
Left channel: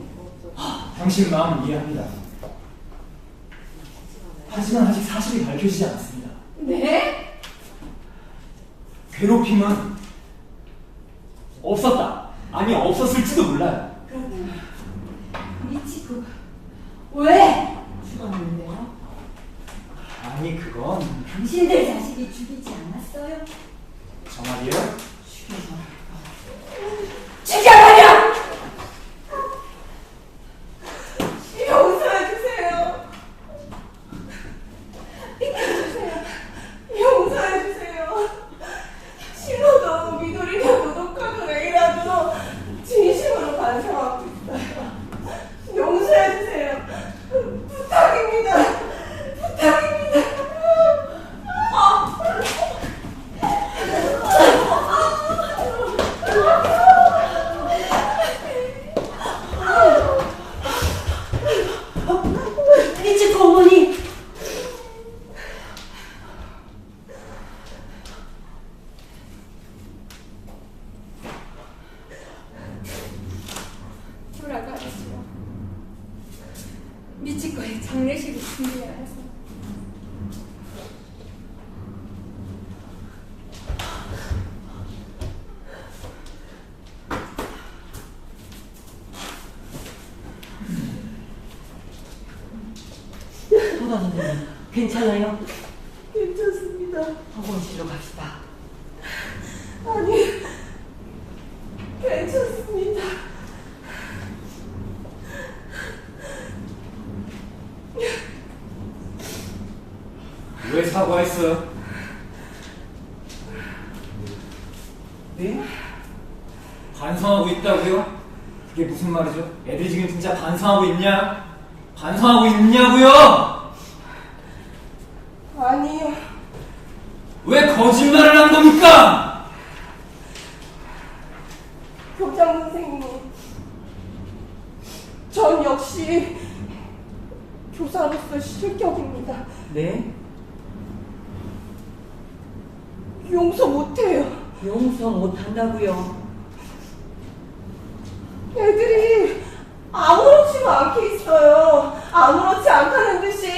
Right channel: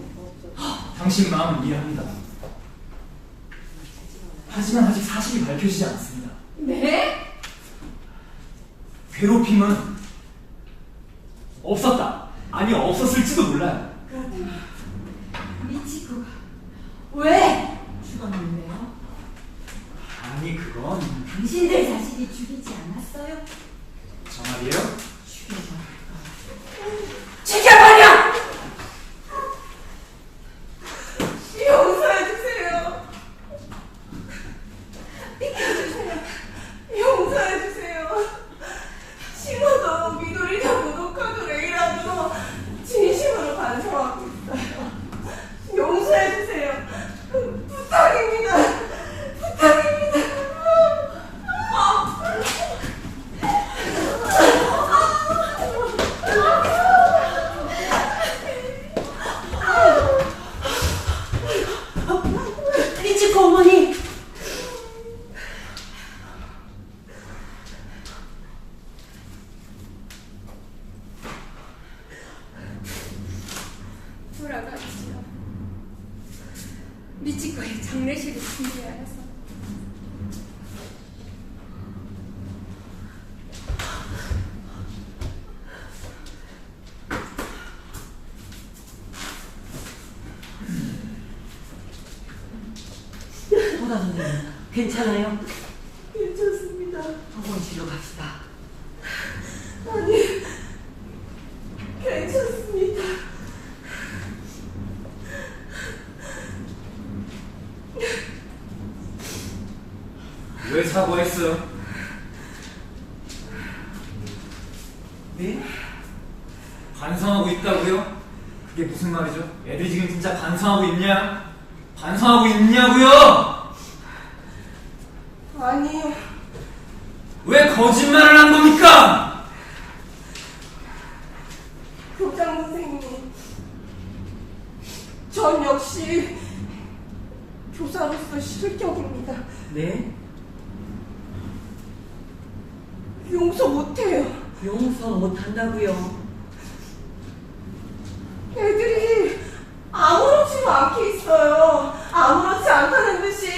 당신 마음을 이해합니다. 하지만 아직 사실이 밝혀지지 않았습니다. 네? 괴롭힘은 없었다. 아니, 없었을지도 몰라요. 그렇다면 미치코가 왜 죽었는데요? 아니, 그건 당신들 자신이 죽이지 않았어요? 저 말이에요. 죽여버려! 용서해주세요. 비켜주세요. 용서해주세요. 싫어도 미도리냐고 녹화도 레이라도 진심으로 반성하고 있어요. 용서해주세요. 부탁입니다. 부탁입니다. 미치코 어머니! 돌아가시죠. 미치코의 장례식을 준비하여서 도다 선생님, 괜찮아요? 괜찮습니다. 보건실로 갑시다. 아니, 괜찮습니다. 왜 사과했어요? 왜? 반성하고 있다고요? 그게 무슨 말이죠? 애들이 지금 진짜 반성하고 있냐? 반성하고 있냐고요? 아니요. 왜 거짓말을 한 겁니까? 교장 선생님, 전 역시 교사로서 실격입니다. 네? 용서 못해요. 용서 못한다고요? 애들이 아무렇지가 않게 있어요. 아무렇지 않다는 듯이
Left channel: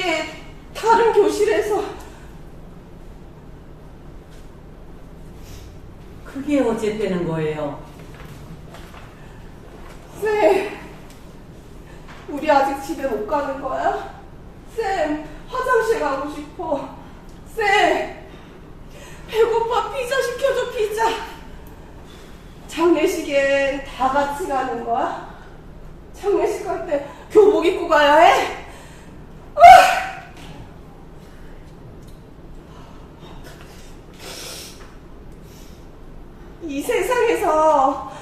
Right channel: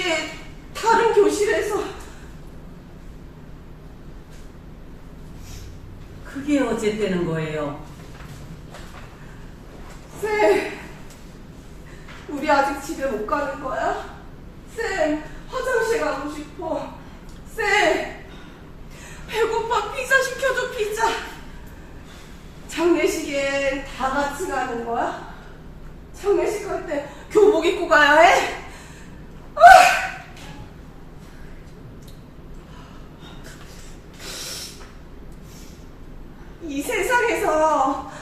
다른 교실에서. 그게 어쨌다는 거예요? 쌤, 우리 아직 집에 못 가는 거야? 쌤, 화장실 가고 싶어. 쌤, 배고파. 피자 시켜줘, 피자. 장례식엔 다 같이 가는 거야? 장례식 갈 때 교복 입고 가야 해? 이 세상에서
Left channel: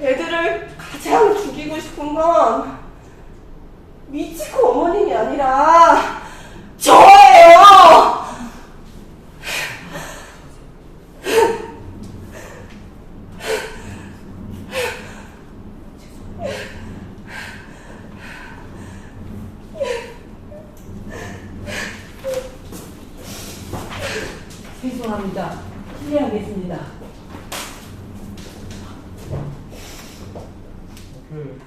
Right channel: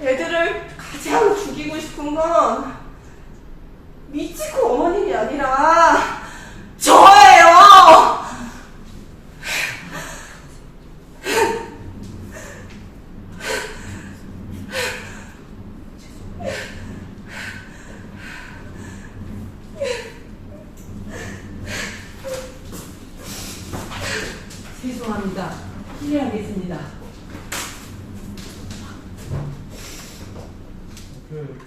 애들을 가장 죽이고 싶은 건 미치코 어머님이 아니라 저예요! 죄송합니다. 실례하겠습니다. 그